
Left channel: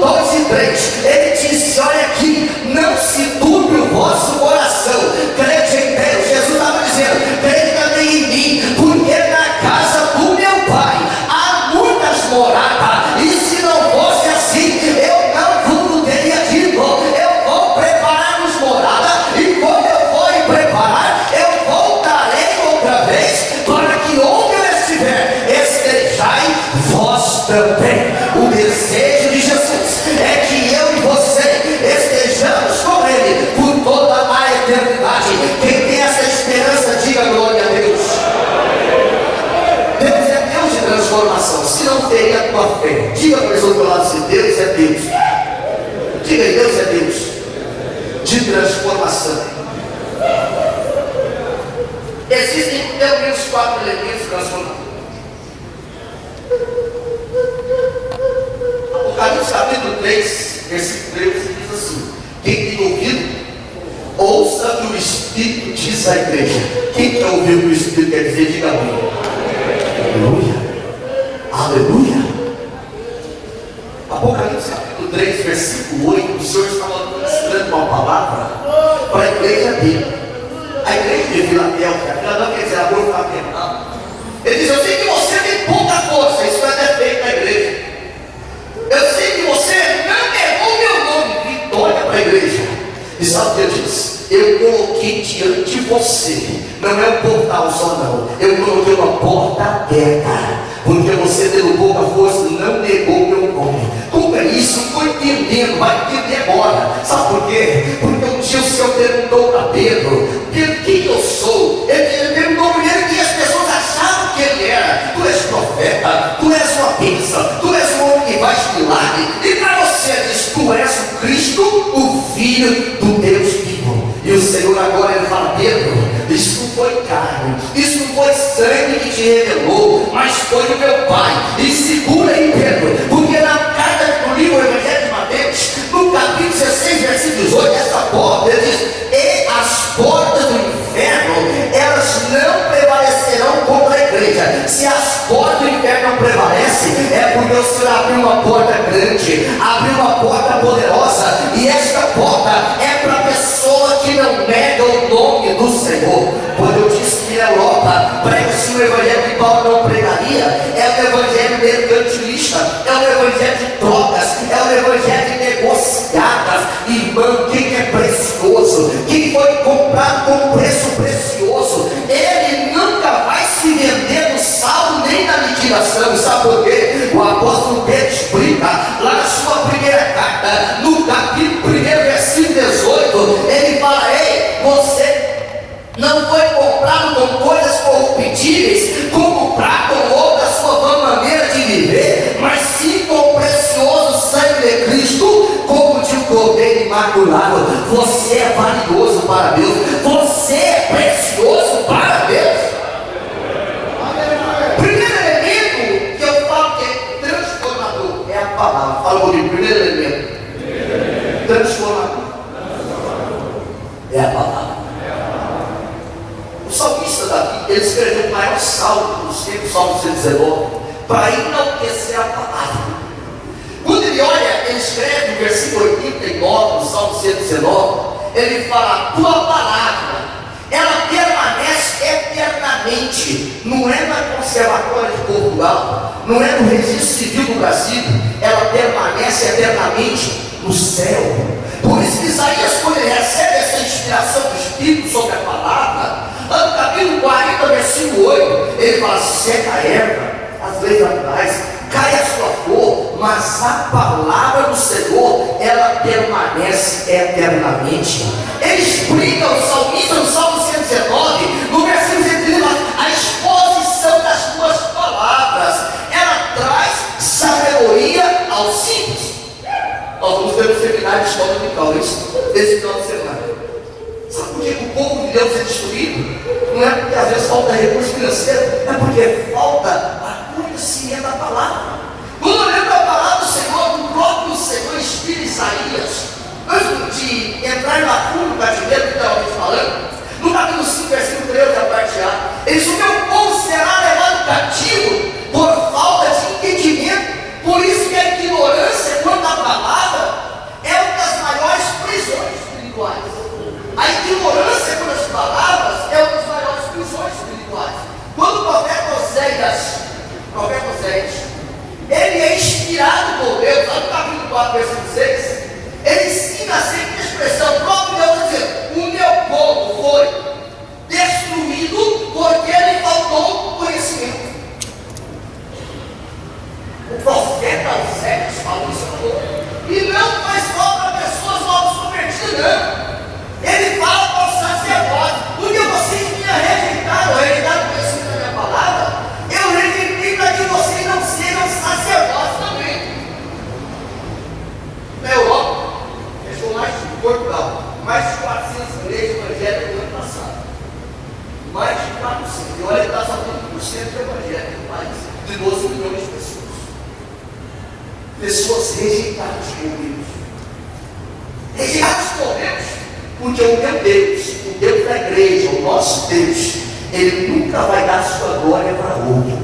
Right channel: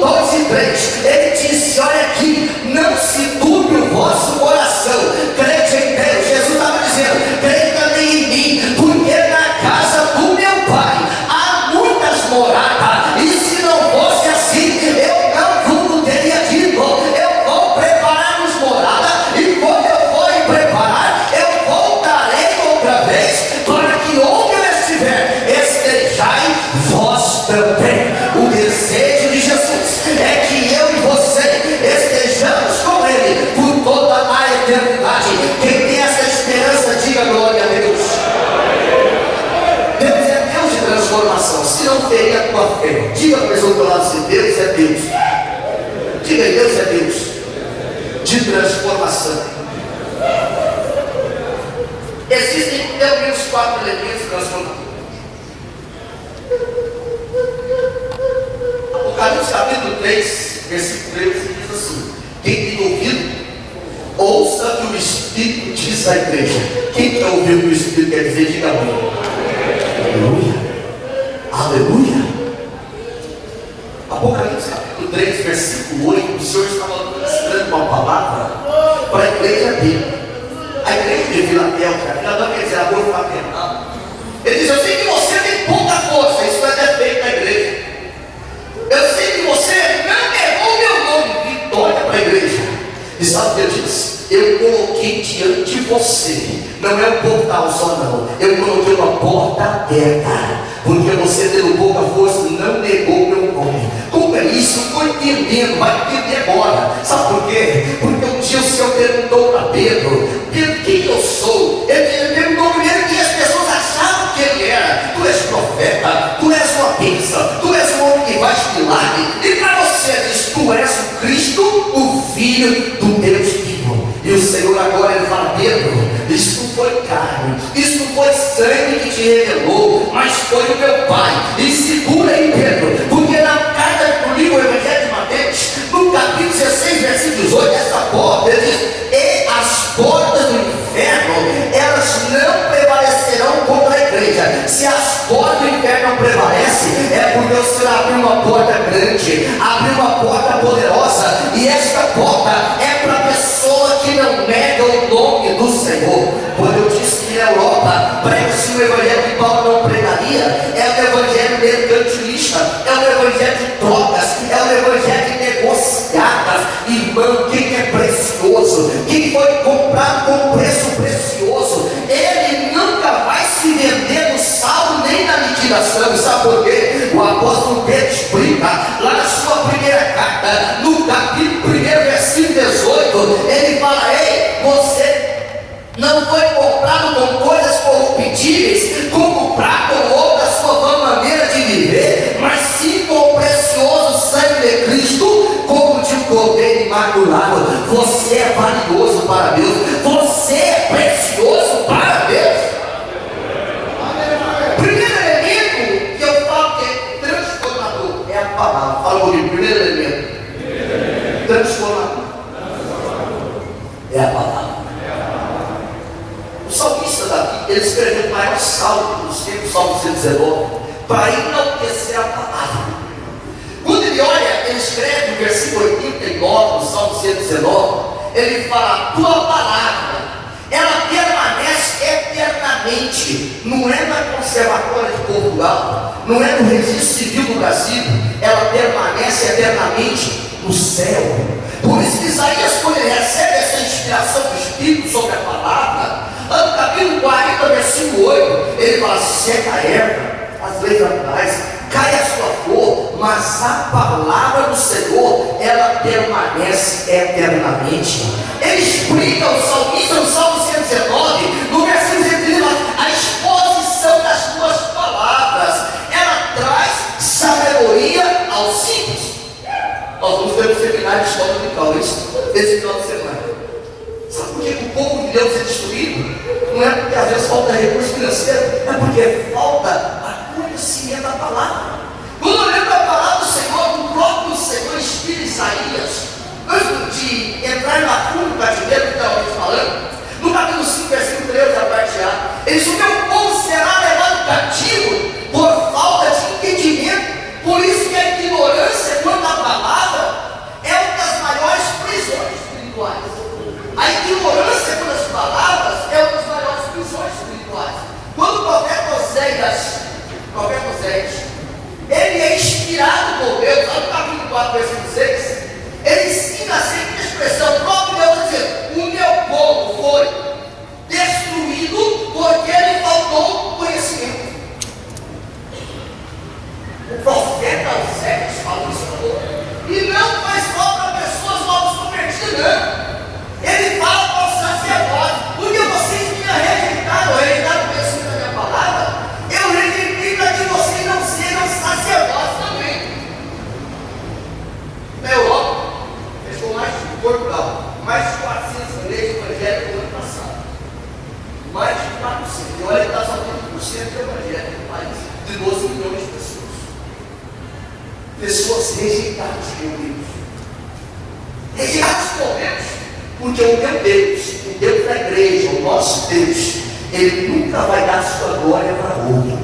2 e 3, ele disse: olha aqui, não se turbe o vosso coração, crede em Deus. Jesus estava dizendo: crede também em mim, porque na casa do meu Pai há muitas moradas, e se não fosse assim, eu não vos teria dito, eu vou preparar-nos moradas. não ferir a tua fé. Diga para a pessoa do teu lado assim: Deus é Deus. Diga aí, Deus é Deus de transformação. Existem pelo menos 4 elementos transformadores. Apocalipse capítulo 3, versículo 13 diz assim: quem tem ouvido, ouça o que o Espírito diz à igreja. Quem quer ouvir o que o Espírito quer dizer, diga amém. Aleluia. Aleluia. Apocalipse capítulo 3, versículo 8, o Senhor estava ministrando uma palavra para a igreja dele. A igreja de Filadélfia, Filadélfia quer dizer amor fraternal. Ele diz: eu sei que você tem pouca força, isso é defeito na igreja. Eu sei que você não negou meu nome, vitória para a igreja. E sabe o que ele diz? Eu coloquei diante de você, não é um portal só não, eu coloquei uma porta aberta, porque você tendo pouca força, não negou meu nome. Como é isso? Eu estou entendendo, vai entender agora. Sabe por quê? Porque um dia o Senhor perguntou para Pedro: Pedro, quem eu sou? Ele perguntou primeiro quem as pessoas achavam que ele era. Tu és profeta, tu és uma bênção, tu és um homem que faz milagre. E para você ele diz: tu és o Cristo, o Filho do Deus vivo. E o Senhor agora ele fala: Pedro, isso não foi carne, isso não foi sangue que te revelou, mas foi o meu Pai. E segura aí, Pedro, porque na carta do livro Evangelho de Mateus, no capítulo 16, versículo 18, essa porta, ele diz: e as portas do inferno, elas não prevalecerão contra a igreja. Se as portas do inferno não prevalecem, é porque o Senhor abriu uma porta grande, abriu uma porta poderosa, e esta porta é para a pessoa que não nega o nome do Senhor. Quando eu disse que na Europa prega-se o evangelho que Paulo não pregaria, é o evangelho mercantilista, é o evangelho de trocas, é o evangelho de negociadas. Irmão, quem é precioso, quem foi comprado com um preço precioso, ele nunca vai se vender no saldo nem na liquidação. Sabe por quê? O apóstolo Pedro explica lá na sua primeira carta, no capítulo 1, versículo 18, ele fala: ei, você não foi comprado com coisas corruptíveis, como prata ou ouro da sua vã maneira de viver, mas sim com o precioso sangue de Cristo, como de um cordeiro imaculado. Você é valioso para Deus, você é precioso para Deus. Primeiro elemento que eu falo que é transformador é a palavra. Fala comigo, primeiro elemento transformador é a palavra. O salmista Davi, ele escreveu o maior salmo dos tempos, Salmo 119, para enaltecer a palavra. Quando ele olha, ele escreve no versículo 89 do Salmo 119, ele fala: a tua palavra, ela permanece eternamente. Não é na Conservatória de Portugal, não é no Registro Civil do Brasil, ela permanece eternamente no céu. Por isso que Isaías, quando ele recebe essa inspiração do Espírito sobre a palavra, no capítulo 40, versículo 8, ele fala: seca a erva, as leis naturais, cai a sua flor, mas a palavra do Senhor, ela permanece eternamente. Ele explica o salmista no Salmo 119, no versículo 130, a exposição das tuas palavras, ela traz sabedoria aos simples. Nós vamos ter um seminário de escola dominical, esse final de semana. Sabe por que o povo de Deus é destruído? Não é porque às vezes falta recurso financeiro, é porque falta conhecimento da palavra. Quando olhamos para a palavra do Senhor, o próprio Senhor inspira Isaías, antes de entrar na fundo do cativeiro que estava falando, no capítulo 5, versículo 13, a parte A, ele diz: o meu povo será levado cativo por falta de entendimento. Por isso que a ignorância quanto à palavra é uma das maiores prisões espirituais. A ignorância quanto às palavras é uma das maiores prisões espirituais. Quando o profeta Oséias, ele é inspirado por Deus, lá no capítulo 4, versículo 6, ele ensina a seguinte expressão: o próprio Deus diz: vai dar só 30% do evangelho no país, de 12 milhões de pessoas. Pessoas rejeitadas por Deus. Rejeitadas por Deus. Porque o meu Deus, o Deus da igreja, o nosso Deus, Ele nunca vai dar sua glória para outro.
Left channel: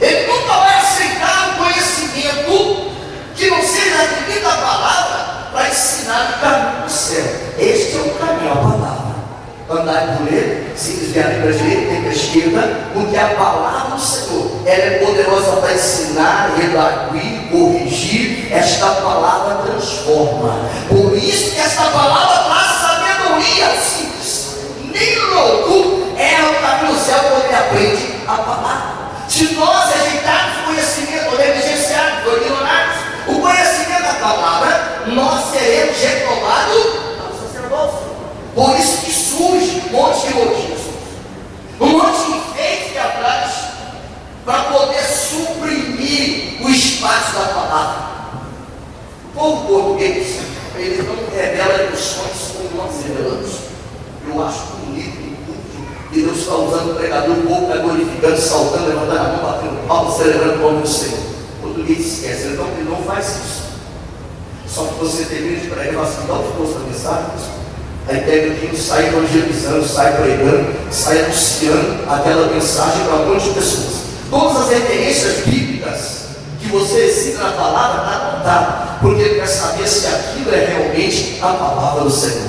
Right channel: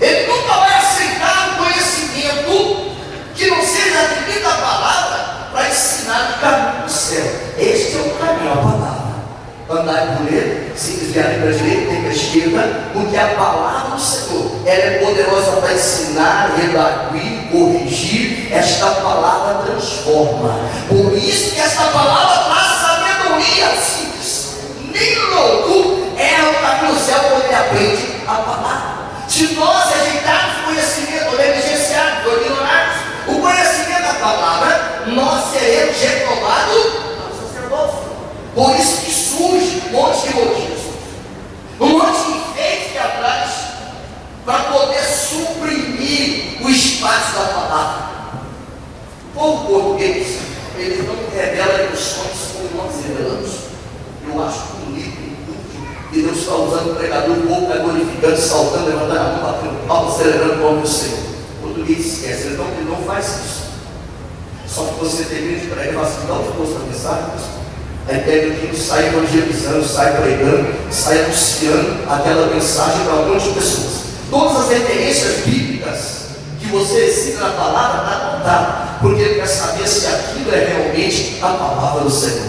Ele nunca vai aceitar um conhecimento que não seja adquirido da palavra para ensinar o caminho do céu. Este é o caminho, a palavra. Andai por ele, se desviar para a direita e para a esquerda, porque a palavra do Senhor, ela é poderosa para ensinar, redarguir, corrigir. Esta palavra transforma. Por isso que esta palavra traz sabedoria simples. Nem louco é o caminho do céu quando ele aprende a palavra. Se nós rejeitarmos o conhecimento, negligenciarmos, ou ignorarmos o conhecimento da palavra, nós seremos reprovados ao sacerdócio. Por isso que surge um monte de motivos, um monte de enfeites que atrás, para poder suprimir o espaço da palavra. O povo português, ele não revela emoções como nós revelamos. Eu acho bonito, e Deus está usando o pregador, o povo está glorificando, saltando, levantando a mão, batendo palmas, celebrando o nome do Senhor. O português esquece, então ele não faz isso. Só que você tem medo de pregar, fala assim, dá o gosto da mensagem. Aí pega o livro, sai evangelizando, sai pregando, sai anunciando aquela mensagem para um monte de pessoas. Todas as referências bíblicas que você cita na palavra está anotada, porque ele quer saber se aquilo é realmente a palavra do Senhor.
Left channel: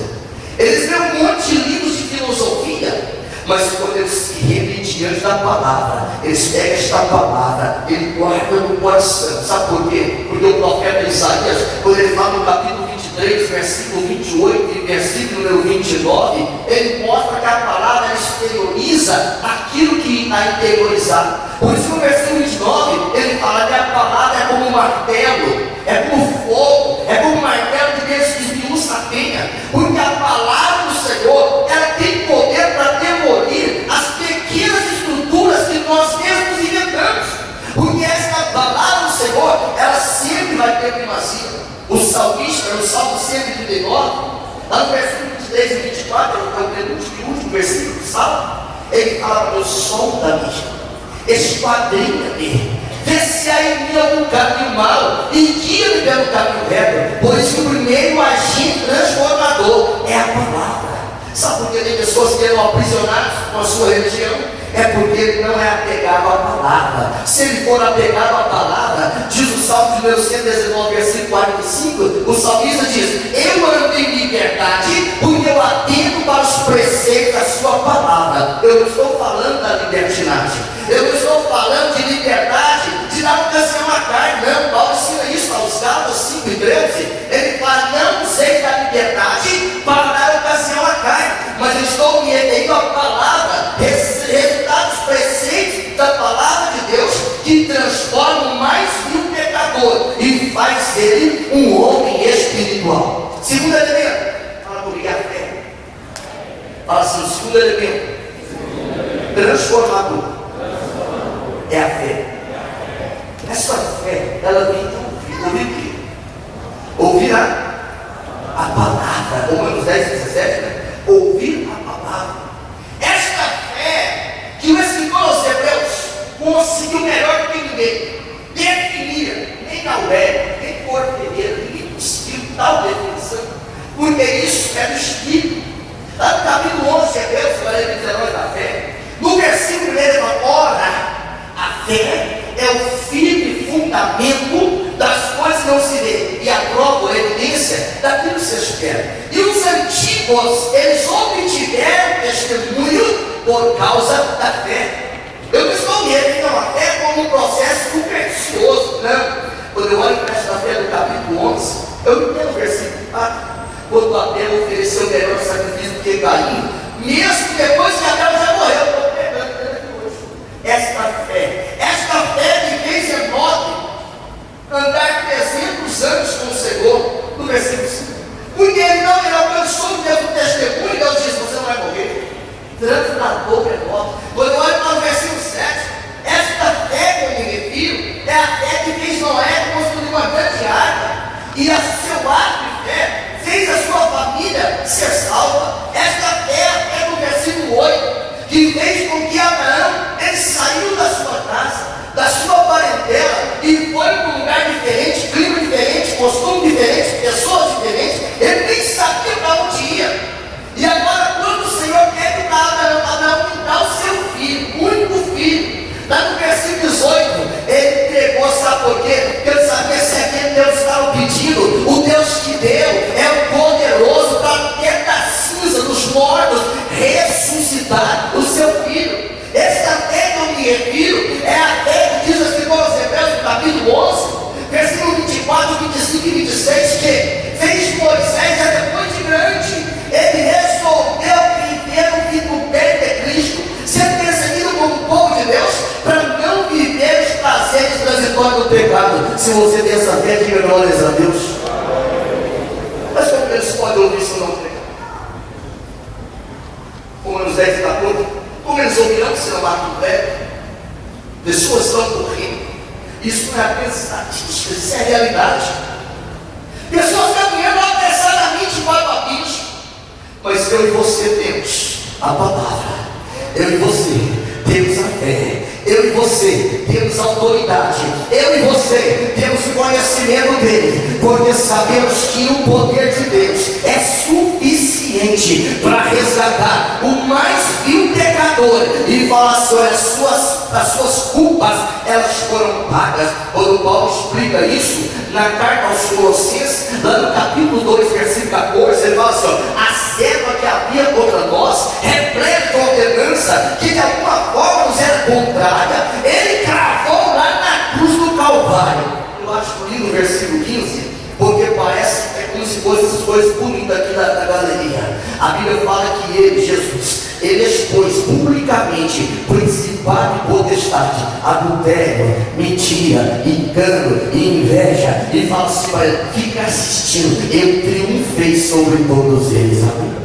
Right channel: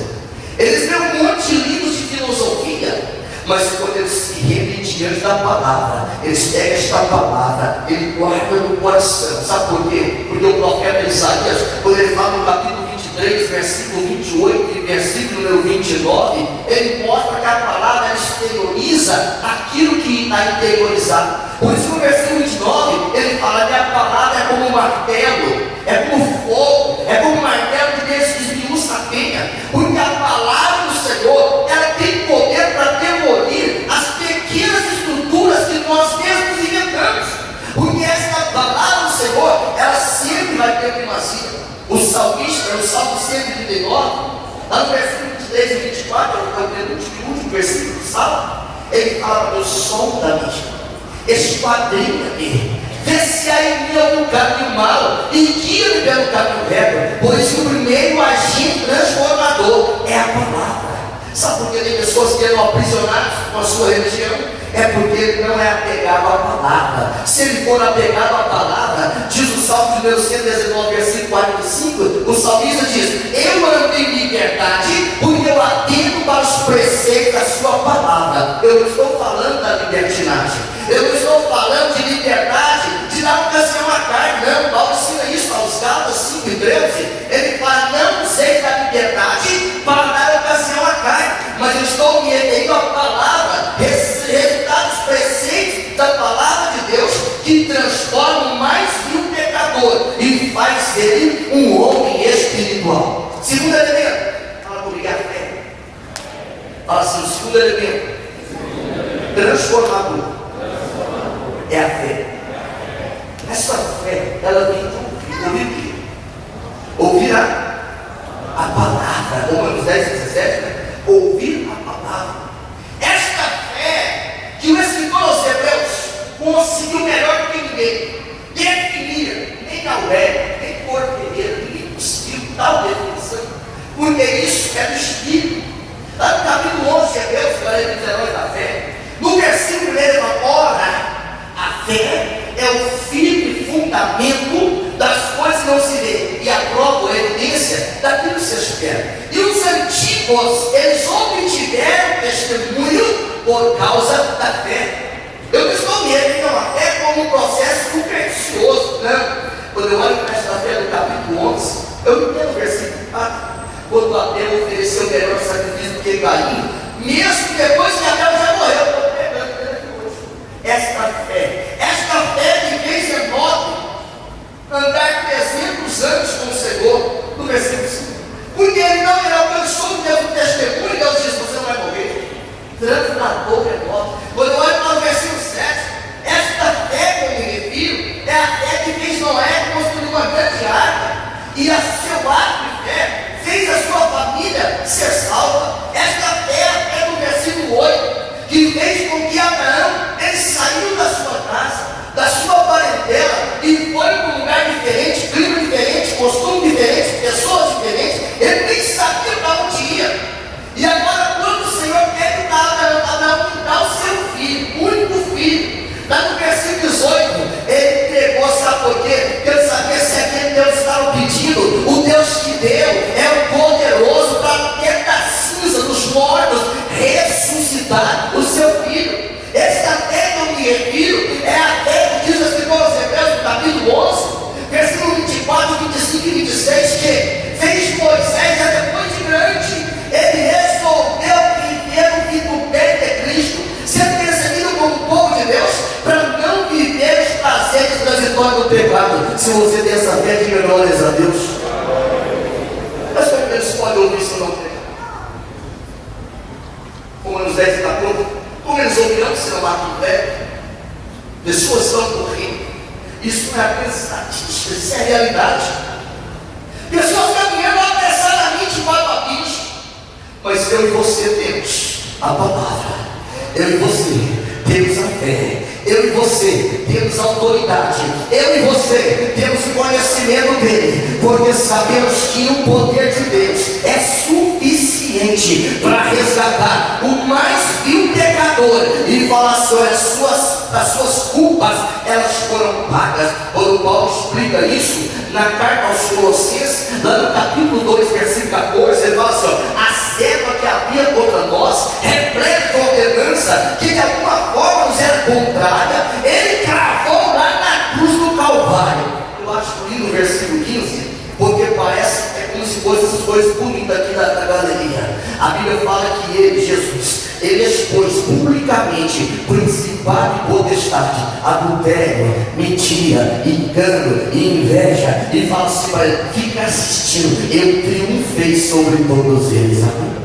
Eles lêem um monte de livros de filosofia, mas quando eles se rendem diante da palavra, eles pegam esta palavra, ele guarda no coração. Sabe por quê? Porque o profeta Isaías, quando ele fala no capítulo 23, versículo 28 e versículo número 29, ele mostra que a palavra exterioriza aquilo que está interiorizado. Por isso no versículo 29, ele fala que a palavra é como um martelo, é como fogo, é como um martelo de Deus que esmiuça a penha, porque a palavra do Senhor, ela tem poder para demolir as pequenas estruturas que nós mesmos inventamos, porque esta palavra do Senhor, ela sempre vai ter primazia. O salmista, no Salmo 139, lá no versículo 23 e 24, é o penúltimo e último versículo do Salmo, ele fala: meu sonda-me, esquadrinha-me, vê se há em mim algum caminho mau e guia-me pelo caminho reto, pois o primeiro agente transformador é a palavra. Sabe por que tem pessoas que eram aprisionadas com a sua religião? É porque ele não é apegado à palavra. Se ele for apegado à palavra, diz o Salmo de número 119, versículo 45, o salmista diz: eu ando em liberdade, porque eu atento para os preceitos da sua palavra. Eu não estou falando da libertinagem, eu não estou falando de liberdade, de dar ocasião à carne, não. Paulo ensina isso aos Gálatas 5 e 13. Ele fala: não useis da liberdade para dar ocasião à carne, mas eu estou me retendo à palavra, resultados preceitos da palavra de Deus, que transforma o mais vil pecador e faz dele um homem espiritual. Segundo elemento, fala comigo, a fé. Fala assim: o segundo elemento transformador é a fé. Essa fé, ela vem de ouvir o quê? Ouvir a palavra. Romanos 10 e 17, né? Ouvir a palavra. Esta fé que o escritor aos Hebreus conseguiu melhor do que ninguém definir, nem Aurélio, nem Porto Pereira, ninguém conseguiu tal definição, porque isso é do Espírito. Lá no capítulo 11 de Hebreus, para ele dizer da fé, no versículo 1 ele fala: ora, a fé é o firme fundamento das coisas que não se vê e a prova, a evidência daquilo que se espera. E os antigos, eles obtiveram testemunho por causa da fé. Eu não estou me referindo a fé como um processo supersticioso, não. Quando eu olho para esta fé do capítulo 11, eu entendo o versículo 4, quando Abel ofereceu o melhor sacrifício do que Caim, mesmo depois que Abel já morreu. Eu estou pegando ele hoje. Esta fé que fez Enoque andar 300 anos com o Senhor, no versículo 5, porque ele alcançou o Deus do testemunho, Deus disse: você não vai morrer. Translador Enoque. Quando eu olho para o versículo 7, esta fé que eu me refiro é a fé que fez Noé construir uma grande arca, e a seu ato de fé fez a sua família ser salva. Esta fé é a fé do versículo 8, que fez com que Abraão dos mortos, ressuscitar o seu filho. Esta fé que eu me refiro é a fé que diz assim com os Hebreus no capítulo 11, versículo 24, 25 e 26, que fez Moisés já depois de grande, ele resolveu viver o vitupério de Cristo, sendo perseguido como povo de Deus, para não viver os prazeres transitórios do pecado. Se você tem essa fé, diga glórias a Deus. Mas como eles podem ouvir isso não tem? Romanos 10 está pronto. Como eles ouvirão se não há fé? Pessoas estão morrendo. Isso não é apenas estatística, isso é realidade. Pessoas caminhando apressadamente para o abismo. Mas eu e você temos a palavra. Eu e você temos a fé. Eu e você temos a autoridade. Eu e você temos o conhecimento dele, porque sabemos que o poder de Deus é suficiente para resgatar o mais vil pecador e falar sobre as suas culpas, elas foram pagas. Quando Paulo explica isso na carta aos Colossenses, lá no capítulo 2, versículo 14, ele fala assim: ó, a serva que havia contra nós, repleta de ordenança, que de alguma forma nos era contrária, ele cravou lá na cruz do Calvário. Eu acho lindo o versículo 15, porque parece como se fossem essas coisas bonitas aqui da galeria. A Bíblia fala que ele, Jesus, ele expôs publicamente principado e potestade, adultério, mentira, engano e inveja, e fala assim: olha, fica assistindo, eu triunfei sobre todos eles. Amém?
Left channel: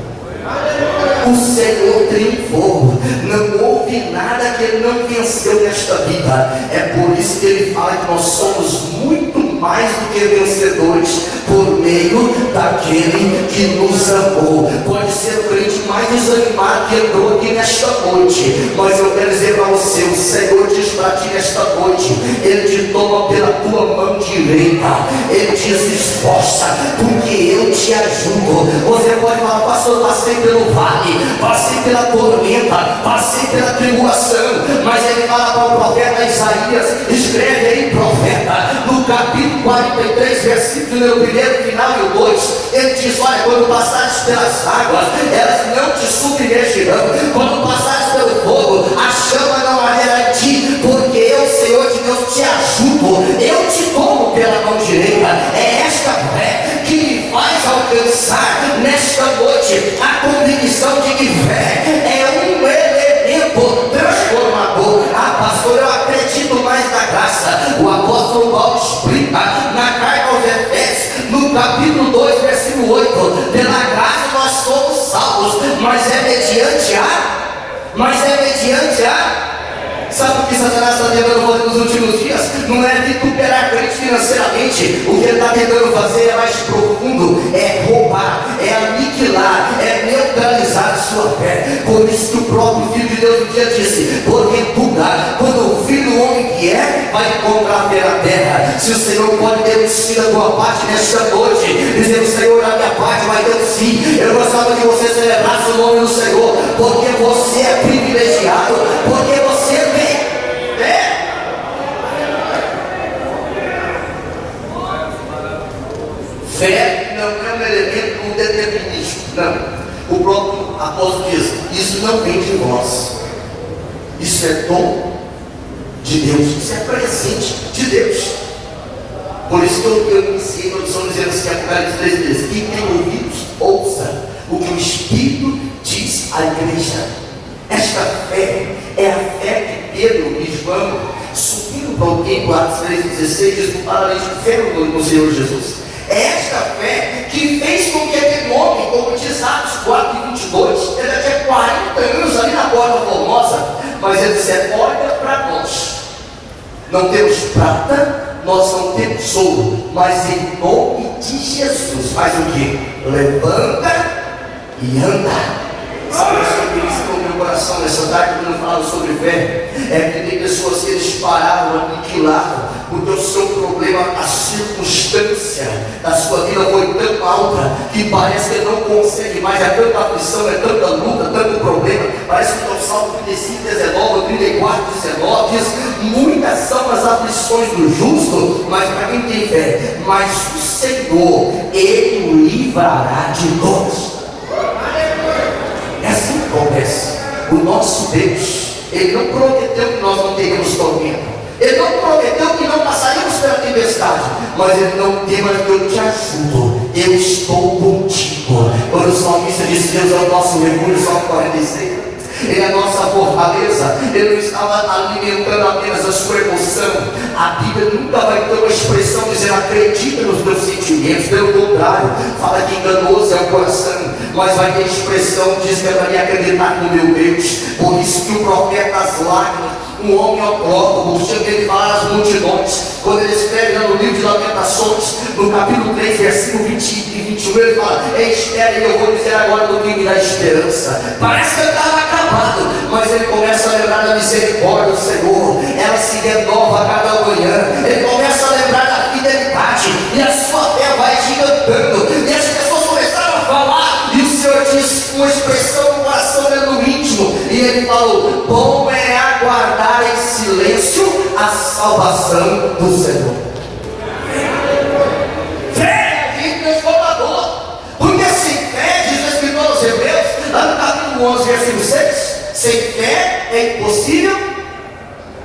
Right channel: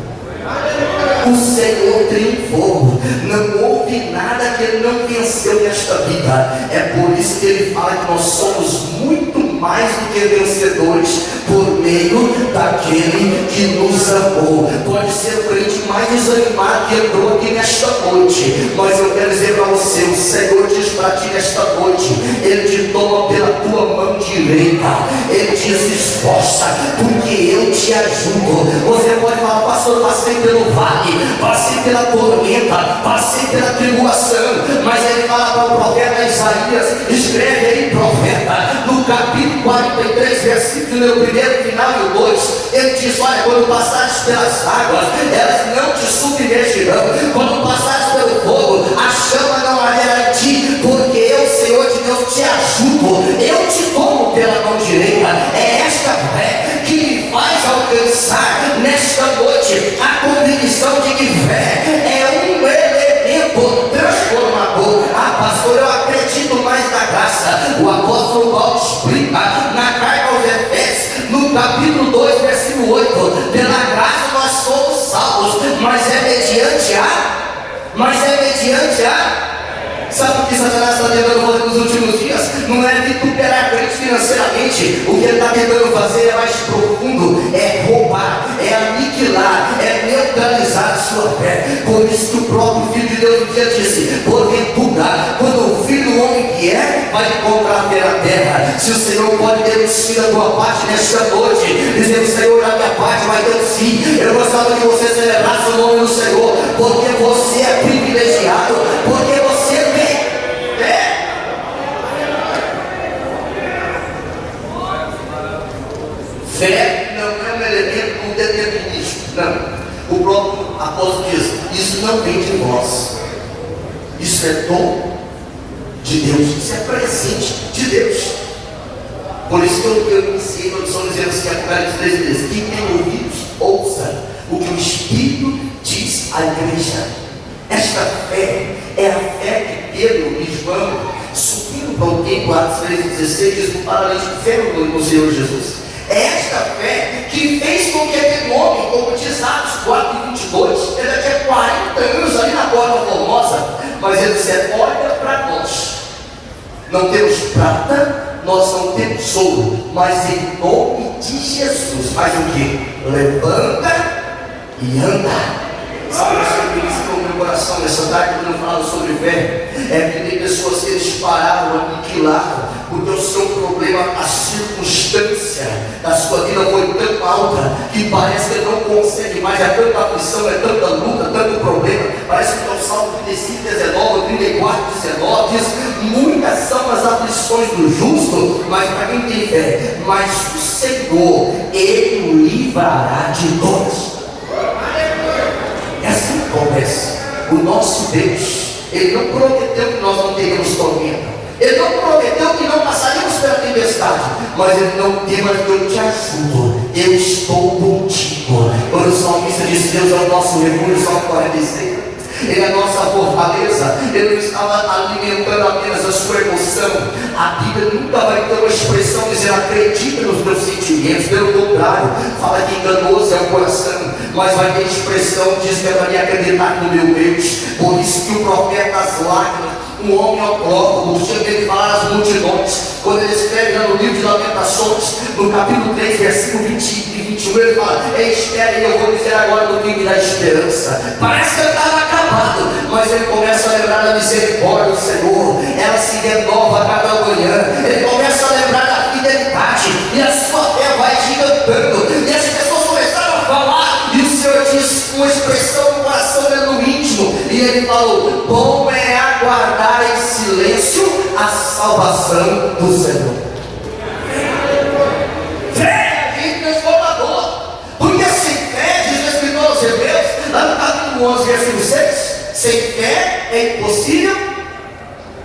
O Senhor triunfou, não houve nada que ele não venceu nesta vida. É por isso que ele fala que nós somos muito mais do que vencedores por meio daquele que nos amou. Pode ser o crente mais desanimado que entrou aqui nesta noite, mas eu quero dizer para você: o Senhor diz para ti nesta noite, ele te toma pela tua mão direita, ele diz: esforça, porque eu te ajudo. Você pode falar: pastor, passei pelo vale, passei pela tormenta, passei pela tribulação, mas ele fala para o profeta Isaías, escreve aí, profeta, no capítulo 43, versículo no primeiro, final e o 2, ele diz: olha, quando passares pelas águas, elas não te submergirão, quando passares pelo fogo, a chama não arderá em ti, porque eu, Senhor de Deus, te ajudo, eu te tomo pela mão direita. É esta fé que me faz alcançar nesta noite a convicção de que fé é um elemento transformador. Ah, pastor, eu acredito mais na graça. O apóstolo Paulo explica na carta aos Efésios, no capítulo 2, versículo 8: pela graça nós somos salvos, mas é mediante a sabe o que Satanás está tentando fazer nos últimos dias? Não é vituperar crente financeiramente. O que ele está tentando fazer é mais profundo: é roubar, é aniquilar, é neutralizar a sua fé. Por isso que o próprio Filho de Deus um dia disse: porventura, quando o Filho do Homem vier, vai encontrar pela terra. Se o Senhor pode ter um sim da tua parte nesta noite, dizendo: Senhor, a minha parte vai ter um sim. Eu gostava que você celebrasse o nome do Senhor, porque você é privilegiado, porque você tem. Fé não é um elemento do determinismo, não. O próprio apóstolo diz: isso não vem de vós, isso é dom de Deus, isso é presente de Deus. Por isso que eu iniciei a introdução dizendo assim, Apocalipse 13 diz: quem tem ouvidos, ouça o que o Espírito diz à igreja. Esta fé é a fé que Pedro e João subiram para o templo, Atos 13:16, diz: o paralítico fé no Senhor Jesus. É esta fé que fez com que aquele homem, como diz Atos 4:22, ele já tinha 40 anos ali na Porta Formosa, mas ele disse: olha para nós, não temos prata, nós não temos ouro, mas em nome de Jesus, faz o que? Levanta e anda. Sabe isso que eu queria dizer no meu coração nessa tarde, quando eu falo sobre fé? É que tem pessoas que eles pararam, aniquilaram, porque o seu problema, a circunstância da sua vida foi tão alta que parece que não consegue mais. É tanta aflição, é tanta luta, tanto problema. Parece que o Salmo 35:19, 34:19 diz: muitas são as aflições do justo, mas para quem tem fé, mas o Senhor, Ele o livrará de todos. acontece? O nosso Deus, Ele não prometeu que nós não teríamos tormenta. Ele não prometeu que não passaríamos pela tempestade, mas Ele não tema que eu te ajudo, eu estou contigo. Quando o salmista diz: Deus é o nosso refúgio, Salmo 46, Ele é a nossa fortaleza. Ele não estava alimentando apenas a sua emoção. A Bíblia nunca vai ter uma expressão dizendo acredita nos teus sentimentos, pelo contrário, fala que enganoso é o coração, mas vai ter expressão que diz que eu devia acreditar no meu Deus. Por isso que o profeta das lágrimas, um homem autólogo, tinha que ele falar às multidões, quando ele escreve no livro de Lamentações, no capítulo 3, versículo 20 e 21, ele fala: espere, eu vou dizer agora do que me dá esperança. Parece que ele estava acabado, mas ele começa a lembrar da misericórdia do Senhor, ela se renova a cada manhã. Ele começa a lembrar da fidelidade, e a sua fé vai gigantando, e as pessoas começaram a falar, e o Senhor diz uma expressão no coração dele, no íntimo, e ele falou: bom é aguardar em silêncio a salvação do Senhor. Fé é agente transformador, porque sem fé, diz o Escritor aos Hebreus, lá no capítulo 11, versículo 6, sem fé é impossível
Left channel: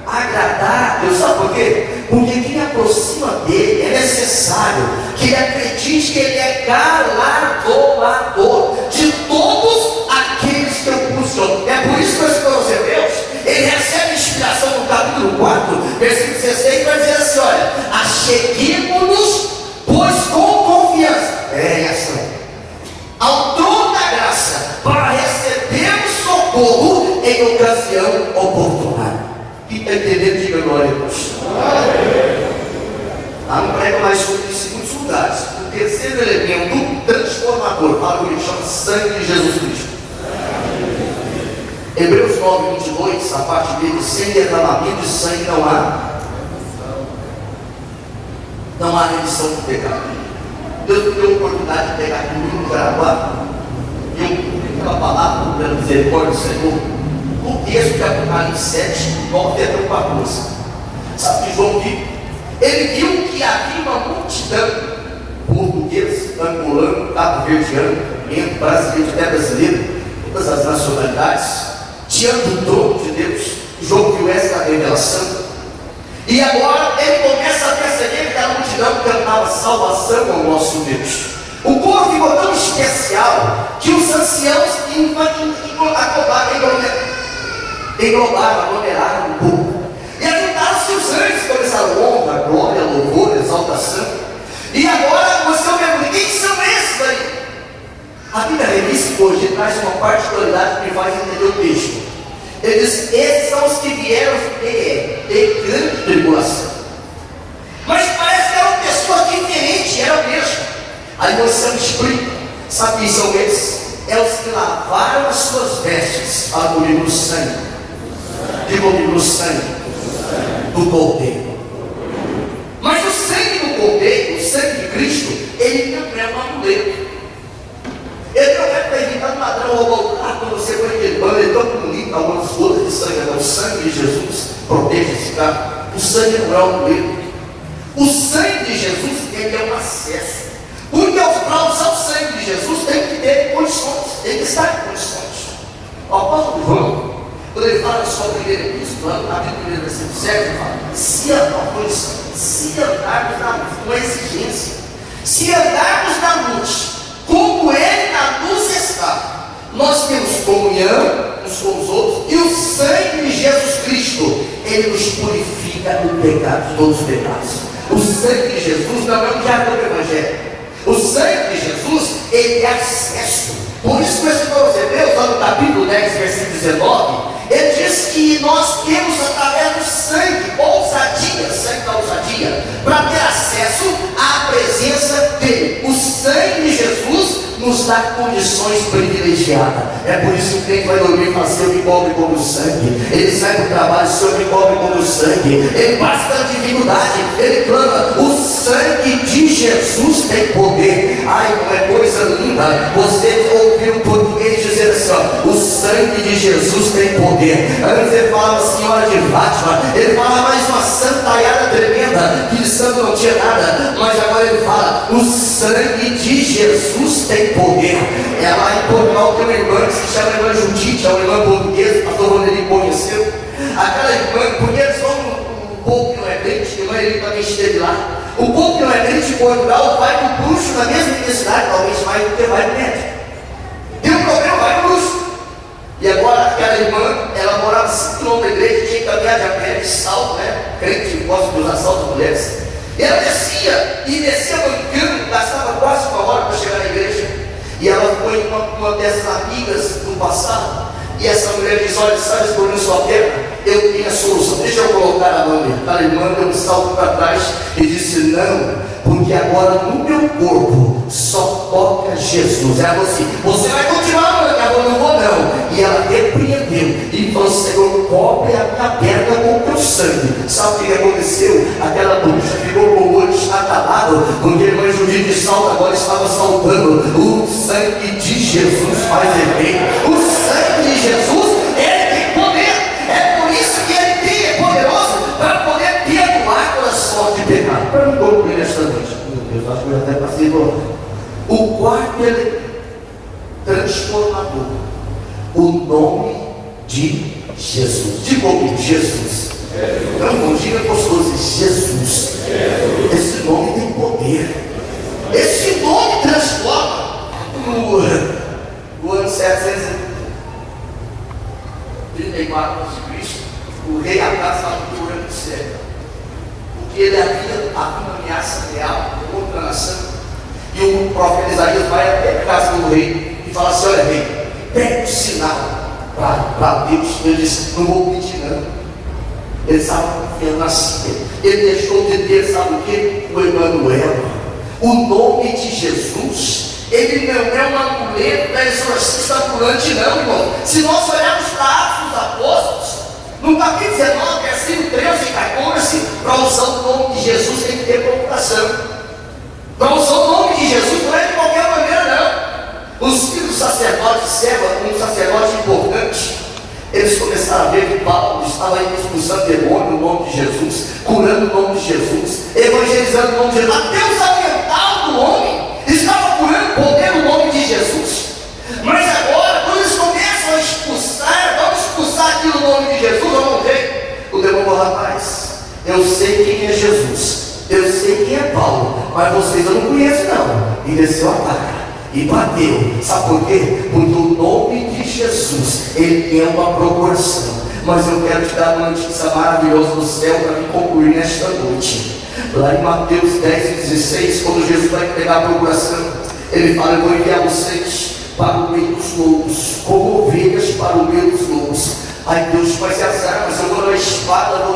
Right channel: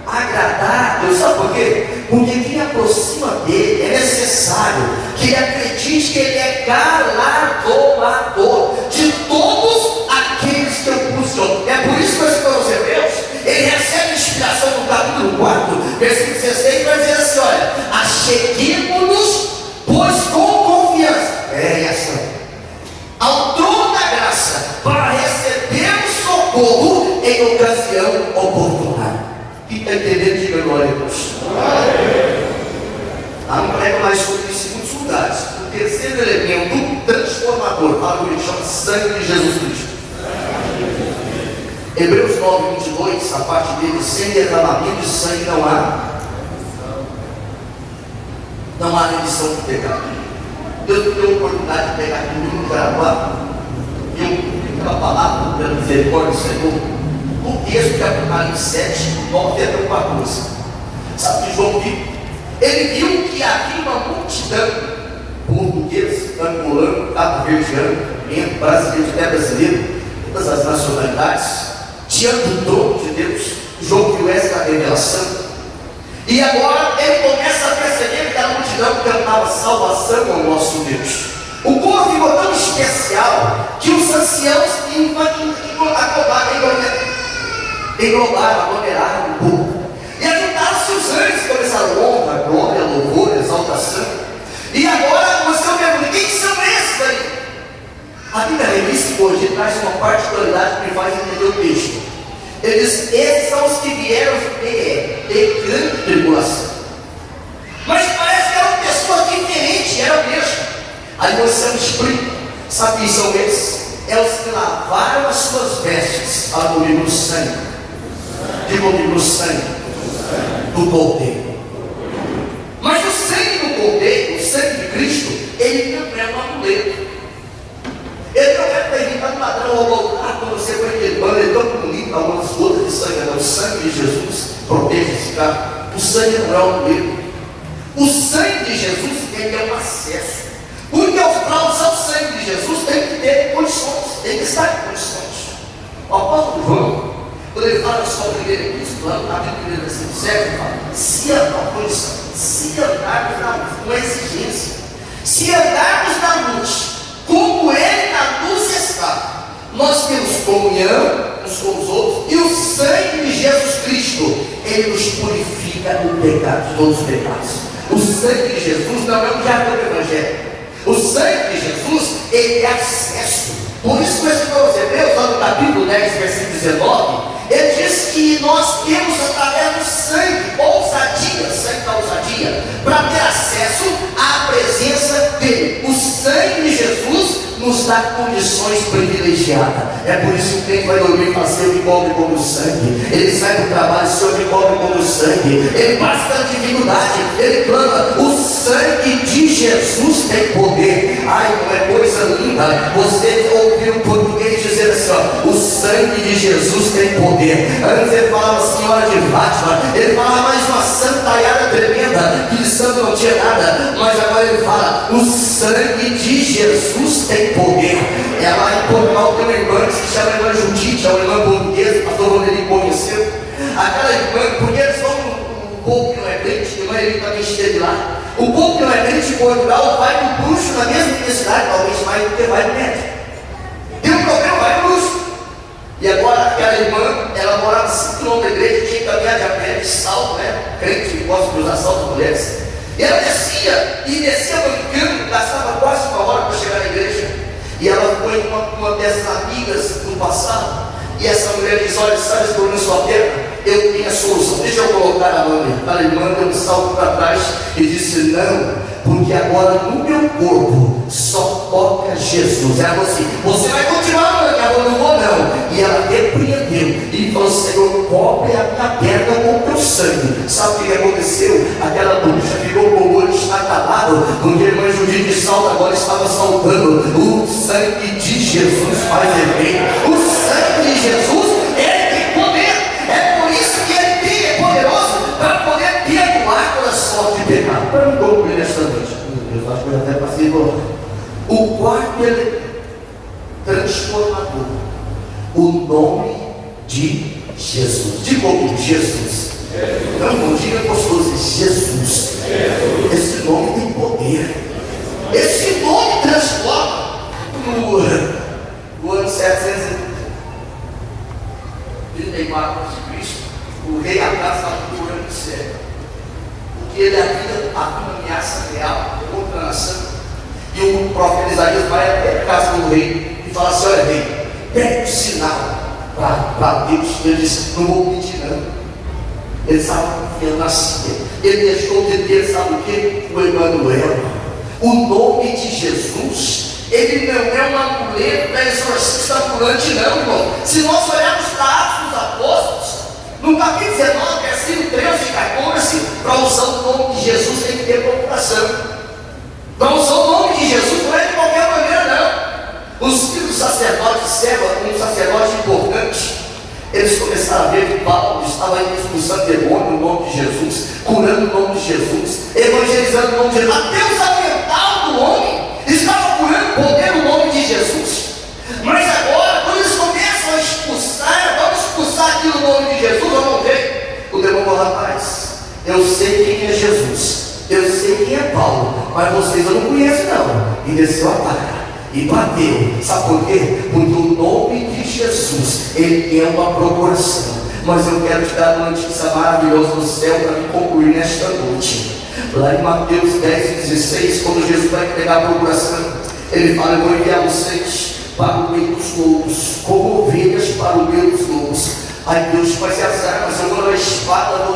agradar a Deus. Sabe por quê? Porque quem aproxima dele é necessário que ele acredite que ele é galardoador de todos aqueles que o buscam. É por isso que o Escritor aos Hebreus, ele recebe inspiração no capítulo 4, versículo 16, para dizer assim: olha, acheguemo-nos, pois com confiança, ao trono da graça, para recebermos socorro em ocasião oportuna. Quem está entendendo, diga glória a Deus. Não prego mais sobre isso em muitos lugares. O terceiro elemento transformador, fala comigo, chama sangue de Jesus Cristo. Hebreus 9, 22, a parte dele: sem derramamento de sangue não há remissão do pecado. Deus me deu a oportunidade de pegar comigo no Jaraguá, e eu aquela palavra pela misericórdia do Senhor, o texto de Apocalipse 7, 9 até 14. Sabe o que João viu? Ele viu que havia uma multidão, português, angolano, cabo-verdiano, brasileiro, até brasileiro, todas as nacionalidades, diante do trono de Deus. João viu essa revelação, e agora ele começa a perceber que a multidão cantava salvação ao nosso Deus. O povo ficou tão especial que os anciãos aglomeraram o povo, e ajuntaram-se os anjos, começaram honra, glória, louvor, exaltação. E agora você pergunta: quem são esses aí? A Bíblia Revista hoje traz uma particularidade que me faz entender o texto. Ele diz: esses são os que vieram de grande tribulação. Mas parece que eram pessoas diferentes, eram mesmo. Aí você me explica: sabe quem são esses? É os que lavaram as suas vestes, fala comigo, no sangue. Diga comigo, no sangue do Cordeiro. Mas o sangue do Cordeiro, o sangue de Cristo, ele não é um amuleto. Ele não é para evitar um ladrão ou voltar quando você foi queimando. Ele é tão bonito, algumas gotas de sangue. Não, o sangue de Jesus protege esse cara. O sangue não é um amuleto. O sangue de Jesus, ele é um acesso. Porque para usar o sangue de Jesus tem que ter condições, tem que estar em condições. O apóstolo João, quando ele fala da sua primeira epístola, no capítulo 1, versículo 7, ele fala: se andarmos na luz, uma exigência, se andarmos na luz, como Ele na luz está, nós temos comunhão uns com os outros, e o sangue de Jesus Cristo, Ele nos purifica do pecado, de todos os pecados. O sangue de Jesus não é um diabo do Evangelho. O sangue de Jesus, ele é acesso. Por isso que o Escritor aos Hebreus, lá no capítulo 10, versículo 19, ele diz que nós temos através do sangue, ousadia, sangue da ousadia, para ter acesso à presença dele. O sangue de Jesus nos dá condições privilegiadas. É por isso que o crente vai dormir e fala: Senhor, me cobre como sangue. Ele sai para o trabalho: Senhor, me cobre como sangue. Ele passa pela dificuldade, ele clama: o sangue de Jesus tem poder. Ai, não é coisa linda você ouvir um português dizer assim: ó, o sangue de Jesus tem poder. Antes ele falava Senhora de Fátima, ele falava mais uma santaiada tremenda. 50, que de santo não tinha nada, mas agora ele fala: o sangue de Jesus tem poder. Lá em Portugal tem uma irmã que se chama irmã Judite, é uma irmã portuguesa, o pastor Rodrigo conheceu. Aquela irmã, porque eles vão um povo que não é crente, a irmã ele também esteve lá. O povo que não é crente em Portugal vai para o bruxo na mesma universidade, talvez mais do que vai para o médico. Tem um problema, vai para o bruxo. E agora aquela irmã, ela morava 5 km da igreja, tinha que caminhar de a pé, de salto, né? Crente que gosta de usar salto de mulheres. E ela descia mancando, gastava quase 1 hora para chegar na igreja. E ela foi uma dessas amigas do passado. E essa mulher diz: olha, sabe esse problema na sua perna? Eu tenho a solução, deixa eu colocar a mão nele. A irmã deu um salto para trás e disse: não, porque agora no meu corpo só toca Jesus. Ela falou assim: você vai continuar, mãe? Ela falou: não vou não. E ela repreendeu e falou: Senhor, cobre a minha perna com o teu sangue. Sabe o que aconteceu? Aquela bruxa ficou com o olho escatalado, porque a irmã Judite de salto agora estava saltando. O sangue de Jesus faz efeito. O sangue de Jesus, ele tem poder. É por isso que ele é poderoso para poder perdoar toda sorte de pecado. Para não concluir nesta noite, meu Deus, acho que eu até passei do o quarto ele transformador, o nome de Jesus. Diga comigo: Jesus. Não diga gostoso, Jesus. Esse nome tem poder. Esse nome transforma. No ano 734 a.C., o rei Acaz estava procurando o céu, porque ele havia uma ameaça real contra a nação. E o profeta Isaías vai até a casa do rei e fala assim: olha, rei, pede um sinal para Deus. Ele disse: não vou pedir não. Ele estava confiando na si. Ele deixou de ter, sabe o que? O Emanuel. O nome de Jesus, ele não é um amuleto da exorcista ambulante não, irmão. Se nós olharmos para Atos dos Apóstolos, no capítulo 19, versículo 13 e 14, para usar o nome de Jesus tem que ter procuração. Para usar o nome de Jesus não é de qualquer maneira não. Os filhos do sacerdote Seba, um sacerdote importante, eles começaram a ver que Paulo estava expulsando demônio no nome de Jesus, curando o nome de Jesus, evangelizando o nome de Jesus. Até o sacramental do homem estava curando o poder no nome de Jesus. Mas agora, quando eles começam a expulsar, vamos expulsar aqui no nome de Jesus, vamos ver. O demônio falou: rapaz, eu sei quem é Jesus, eu sei quem é Paulo, mas vocês eu não conheço não. E desceu a placa e bateu. Sabe por quê? Porque o nome de Jesus, ele é uma procuração. Mas eu quero te dar uma notícia maravilhosa do céu para me concluir nesta noite. Lá em Mateus 10:16, quando Jesus vai pegar a procuração, ele fala: eu vou enviar vocês para o meio dos lobos, como ovelhas para o meio dos lobos. Aí Deus faz as armas, eu vou levar espada, eu vou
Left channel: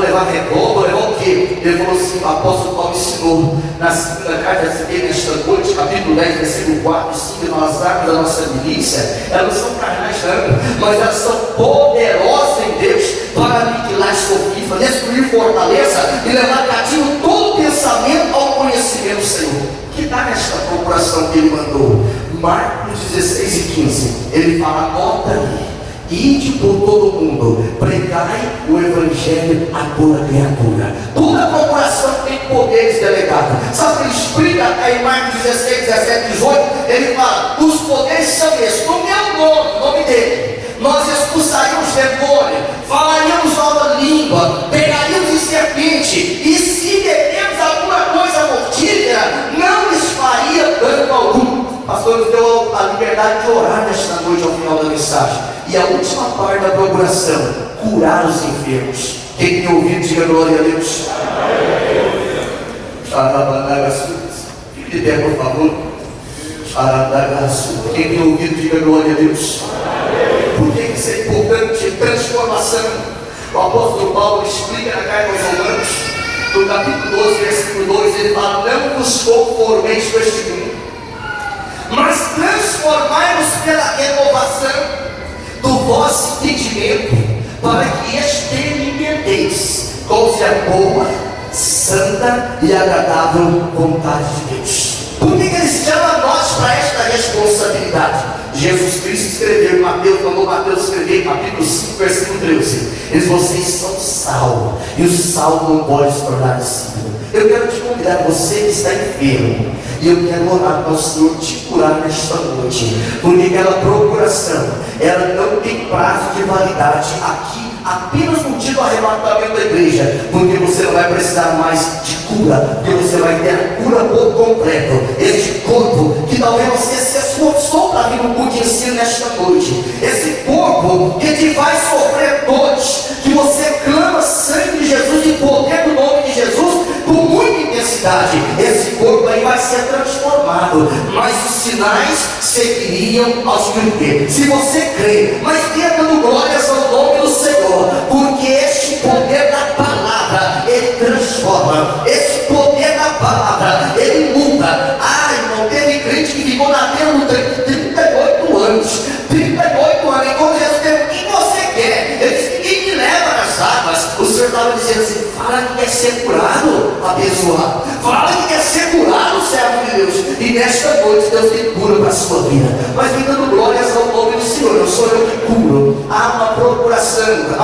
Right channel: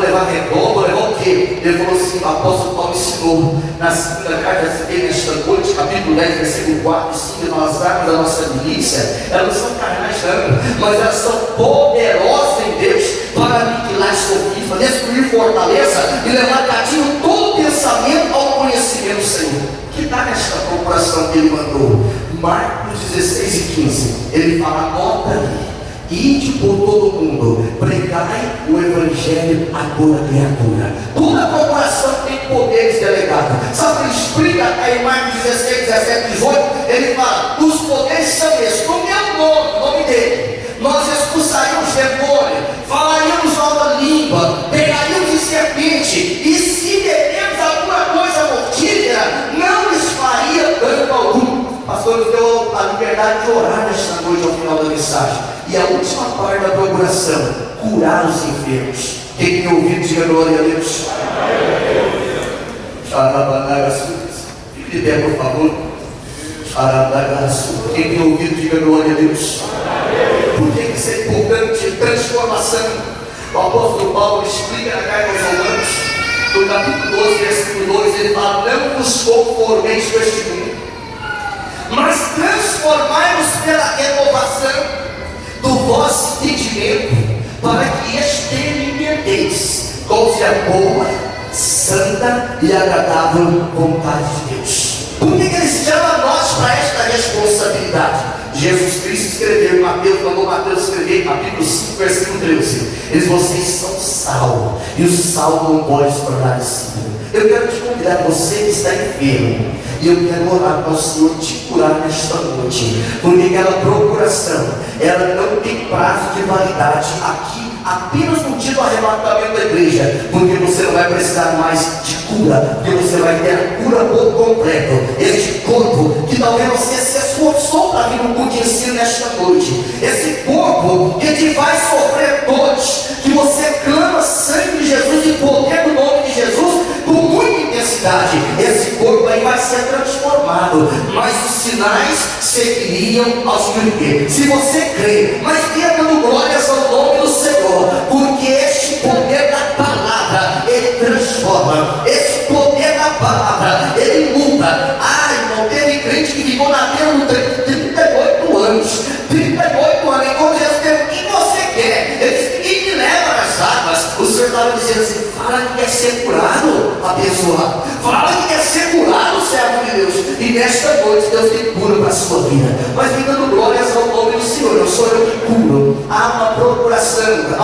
levar revólver, vou levar o quê? Ele falou assim: o apóstolo Paulo ensinou na segunda carta nesta noite, capítulo 10, versículo 4 e 5, as armas da nossa milícia, elas não são carnais não, mas elas são poderosas em Deus para aniquilar sofisma, destruir fortaleza e levar cativo todo pensamento ao conhecimento do Senhor. Que está nesta procuração que ele mandou? Marcos 16:15, ele fala: anota aí: ide por todo o mundo, pregai o evangelho a toda criatura. Toda procuração tem poderes delegados. Sabe o que ele explica aí em Marcos 16, 17, 18? Ele fala: os poderes são esses, no meu nome, nome dele, nós expulsaríamos demônio, falaríamos nova língua, pegaríamos de serpente, e se bebermos alguma coisa mortífera, não lhes faria dano algum. Pastor nos deu a liberdade de orar nesta noite ao final da mensagem. E a última parte da procuração: curar os enfermos. Quem tem ouvido, diga glória a Deus. Fique de pé, por favor. Quem tem ouvido, diga glória a Deus. Por que isso é importante? Transformação. O apóstolo Paulo explica na carta aos Romanos, no capítulo 12, versículo 2, ele fala: não vos conformeis com este mundo, mas transformai-vos pela renovação do vosso entendimento, para que experimenteis qual seja a boa, santa e agradável vontade de Deus. Por que ele chama nós para esta responsabilidade? Jesus Cristo escreveu, Mateus, mandou Mateus escrever, capítulo 5, versículo 13. Eles, vocês são sal, e o sal não pode se tornar insípido. Eu quero te convidar, você que está enfermo, e eu quero orar para o Senhor te curar nesta noite, porque aquela procuração, ela não tem prazo de validade aqui, apenas no dia do arrebatamento da igreja, porque você não vai precisar mais de cura, porque você vai ter a cura por completo. Este corpo, que talvez você se esforçou para vir no culto de ensino nesta noite, esse corpo que te faz sofrer dores, que você clama sangue de Jesus e poder do nome de Jesus com muita intensidade, esse corpo aí vai ser transformado, mas os sinais seguiriam aos que crê. Se você crê, mas tenha dando glórias ao nome do Senhor, porque este poder da palavra, ele transforma, este poder da palavra, ele muda. Irmão, teve crente que ficou na terra 38 anos, 38 anos, e quando Jesus perguntou, o que você quer? Ele disse, ninguém me leva nas águas. O Senhor estava dizendo assim, fala que quer ser curado, abençoado, fala que quer ser curado, servo de Deus, e nesta noite Deus tem cura para a sua vida, mas vem dando glórias ao nome do Senhor. Não sou eu que curo, há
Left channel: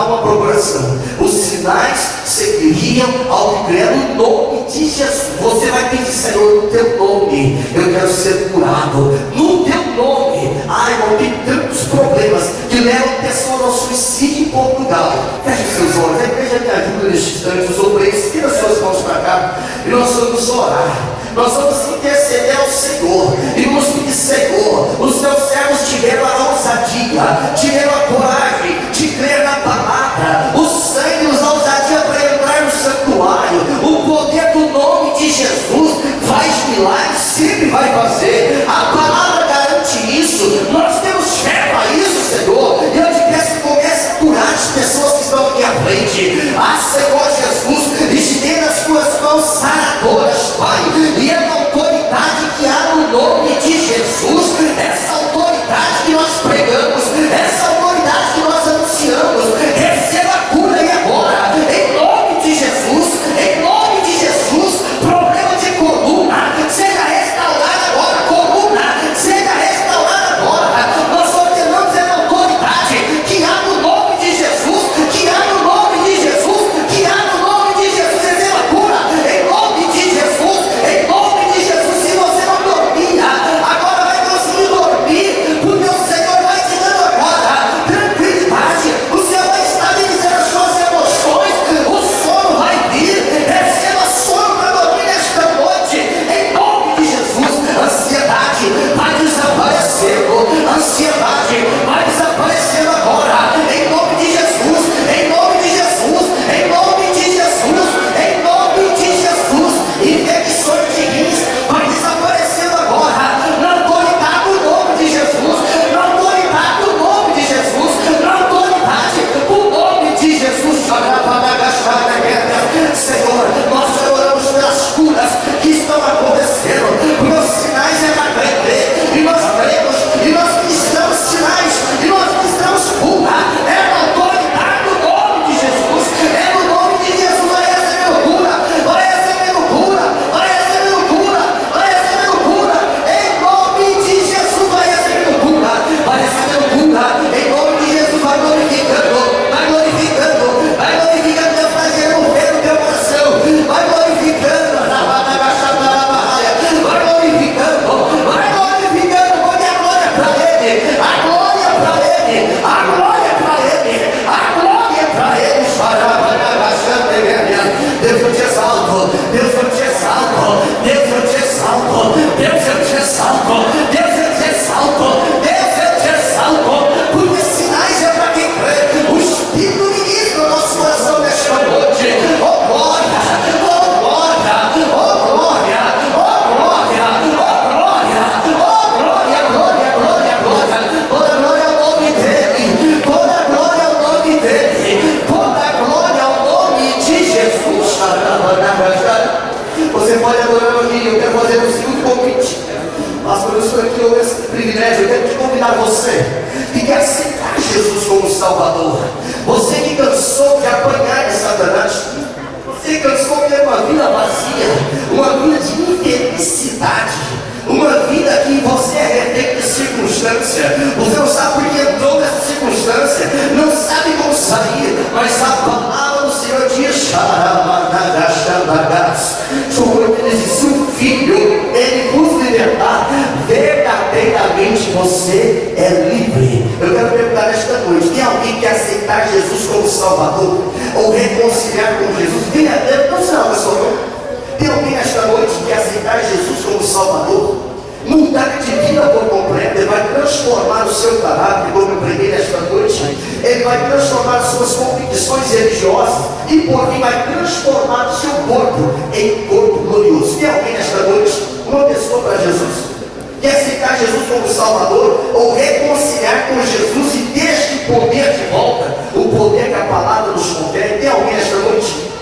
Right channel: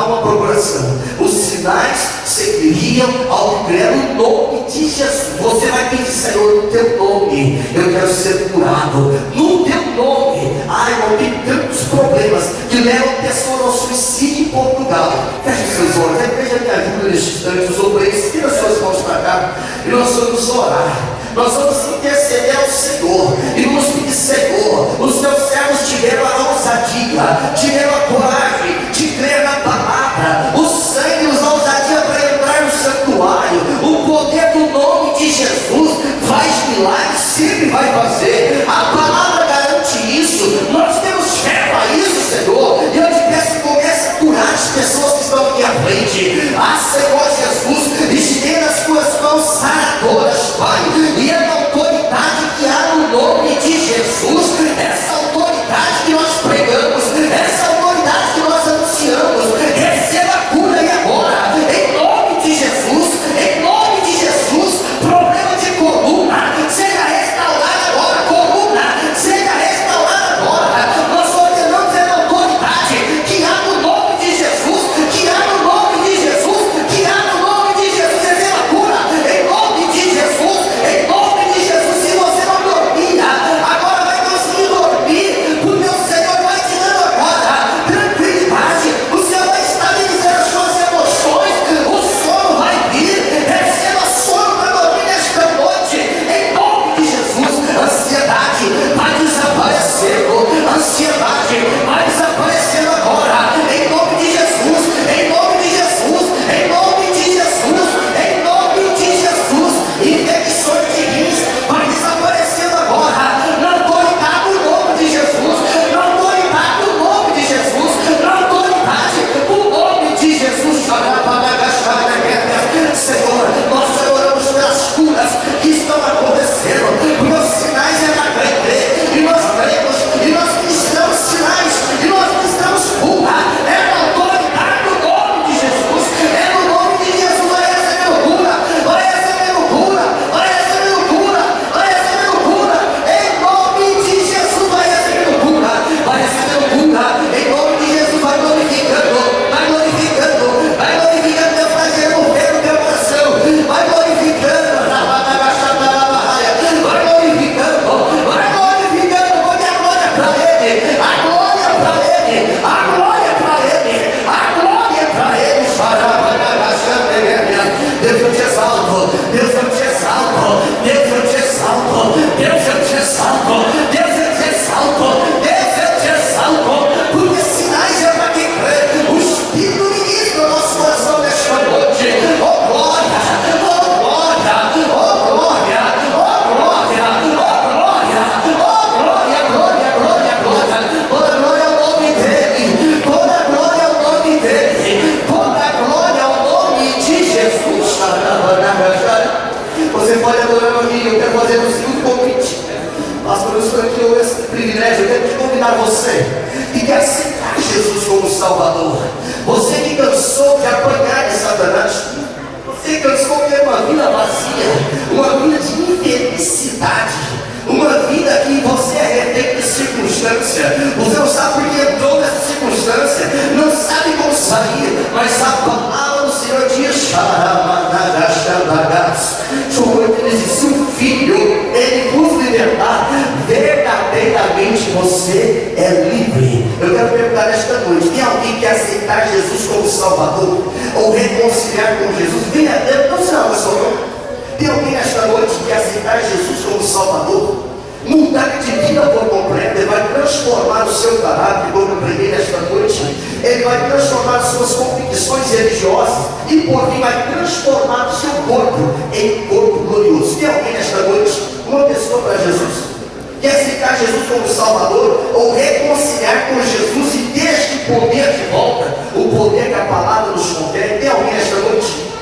uma procuração, os sinais seguiriam ao que crer no nome de Jesus. Você vai pedir, Senhor, no teu nome eu quero ser curado, no teu nome. Irmão, tem tantos problemas que levam pessoas ao suicídio em Portugal. Feche seus olhos, a igreja me ajuda neste instante, os obreiros, tira suas mãos para cá, e nós vamos orar. Nós vamos interceder ao Senhor e vamos pedir, Senhor, os teus servos tiveram a ousadia, tiveram a coragem de crer na palavra, o sangue nos dá ousadia para entrar no santuário. O poder do nome de Jesus faz milagres, sempre vai fazer. A palavra garante isso. Nós temos fé para isso, Senhor. E eu te peço que comece a curar as pessoas que estão aqui à frente. Senhor Jesus, estenda as tuas mãos saradoras, Pai, e a autoridade que há no nome de Jesus, essa autoridade que nós pregamos, essa autoridade que nós anunciamos, receba a cura e agora, em nome de Jesus, em nome de Jesus. Problema de coluna, seja restaurado agora, coluna, seja restaurada agora. Nós ordenamos essa autoridade que há no nome de Jesus, que há no nome de Jesus, que há no nome de Jesus. Receba a cura, em nome de Jesus, em nome de Jesus. Se você não dormia, agora vai conseguir dormir, porque o Senhor vai te dando agora tranquilidade, o Senhor vai estabilizar as suas emoções, o sono vai vir. Receba sono para dormir nesta noite, em nome de Jesus. Ansiedade vai desaparecendo, ansiedade vai desaparecendo agora, em nome de Jesus, em nome de Jesus, em nome de Jesus, em nome de Jesus. Infecções de rins vai desaparecendo agora, na autoridade do nome de Jesus, na autoridade do nome de Jesus, na autoridade do nome de Jesus. Senhor, nós oramos pelas curas que estão acontecendo, porque os sinais é para crer, e nós cremos, e nós ministramos sinais, e nós ministramos cura. É na autoridade do nome de Jesus, é no nome de Jesus. Vai recebendo cura, vai recebendo cura, vai recebendo cura, vai recebendo cura, em nome de Jesus. Vai recebendo cura, vai recebendo cura, em nome de Jesus. Vai glorificando, vai glorificando, vai glorificando. Deus vai ser mover no teu coração, vai glorificando, vai glorificando, vai glorificando, porque a glória é para Ele, a glória é para Ele, a glória é para Ele, a glória é para Ele. Deus, eu te exalto, Deus, eu te exalto, Deus, eu te exalto, Deus, eu te exalto, Deus, eu te exalto, Deus, eu te exalto, porque sinais é para quem crê. O Espírito ministra o nosso coração nesta noite. Oh glória, oh glória, oh glória, oh glória, oh glória, oh glória, glória, glória, glória. Toda glória ao nome dele, toda glória ao nome dele, toda glória ao nome de Jesus. Você pode adorar a mim. Eu quero fazer o segundo convite. Pastor, eu estou aqui hoje esse privilégio. Eu quero te convidar, você que quer aceitar Jesus como Salvador, você que cansou de apanhar de Satanás, você cansou de ter uma vida vazia, uma vida de infelicidade, Uma vida que você é refém de circunstância. Você não sabe por que entrou nessa circunstância, não sabe como sair, mas a palavra do Senhor diz: se o Filho ele vos libertar, verdadeiramente você é livre. Eu quero perguntar esta noite: tem alguém que aceitar Jesus como Salvador ou reconciliar com Jesus? Venha, não será uma só. Tem alguém nesta noite que aceitar Jesus como Salvador, mudar de vida por completo? Ele vai transformar o seu caráter, como eu preguei nesta noite. Ele vai transformar as suas convicções religiosas e por fim vai transformar o seu corpo em corpo glorioso. Tem alguém nesta noite, uma pessoa para Jesus, que aceitar Jesus como Salvador ou reconciliar com Jesus e ter este poder de volta, o poder que a palavra nos confere? Tem alguém nesta noite?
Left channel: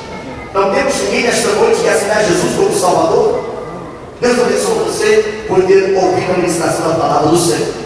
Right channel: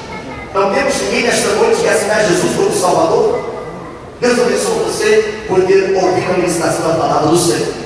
Não temos ninguém nesta noite que aceitar Jesus como Salvador? Deus abençoe você por ter ouvido a ministração da palavra do Senhor.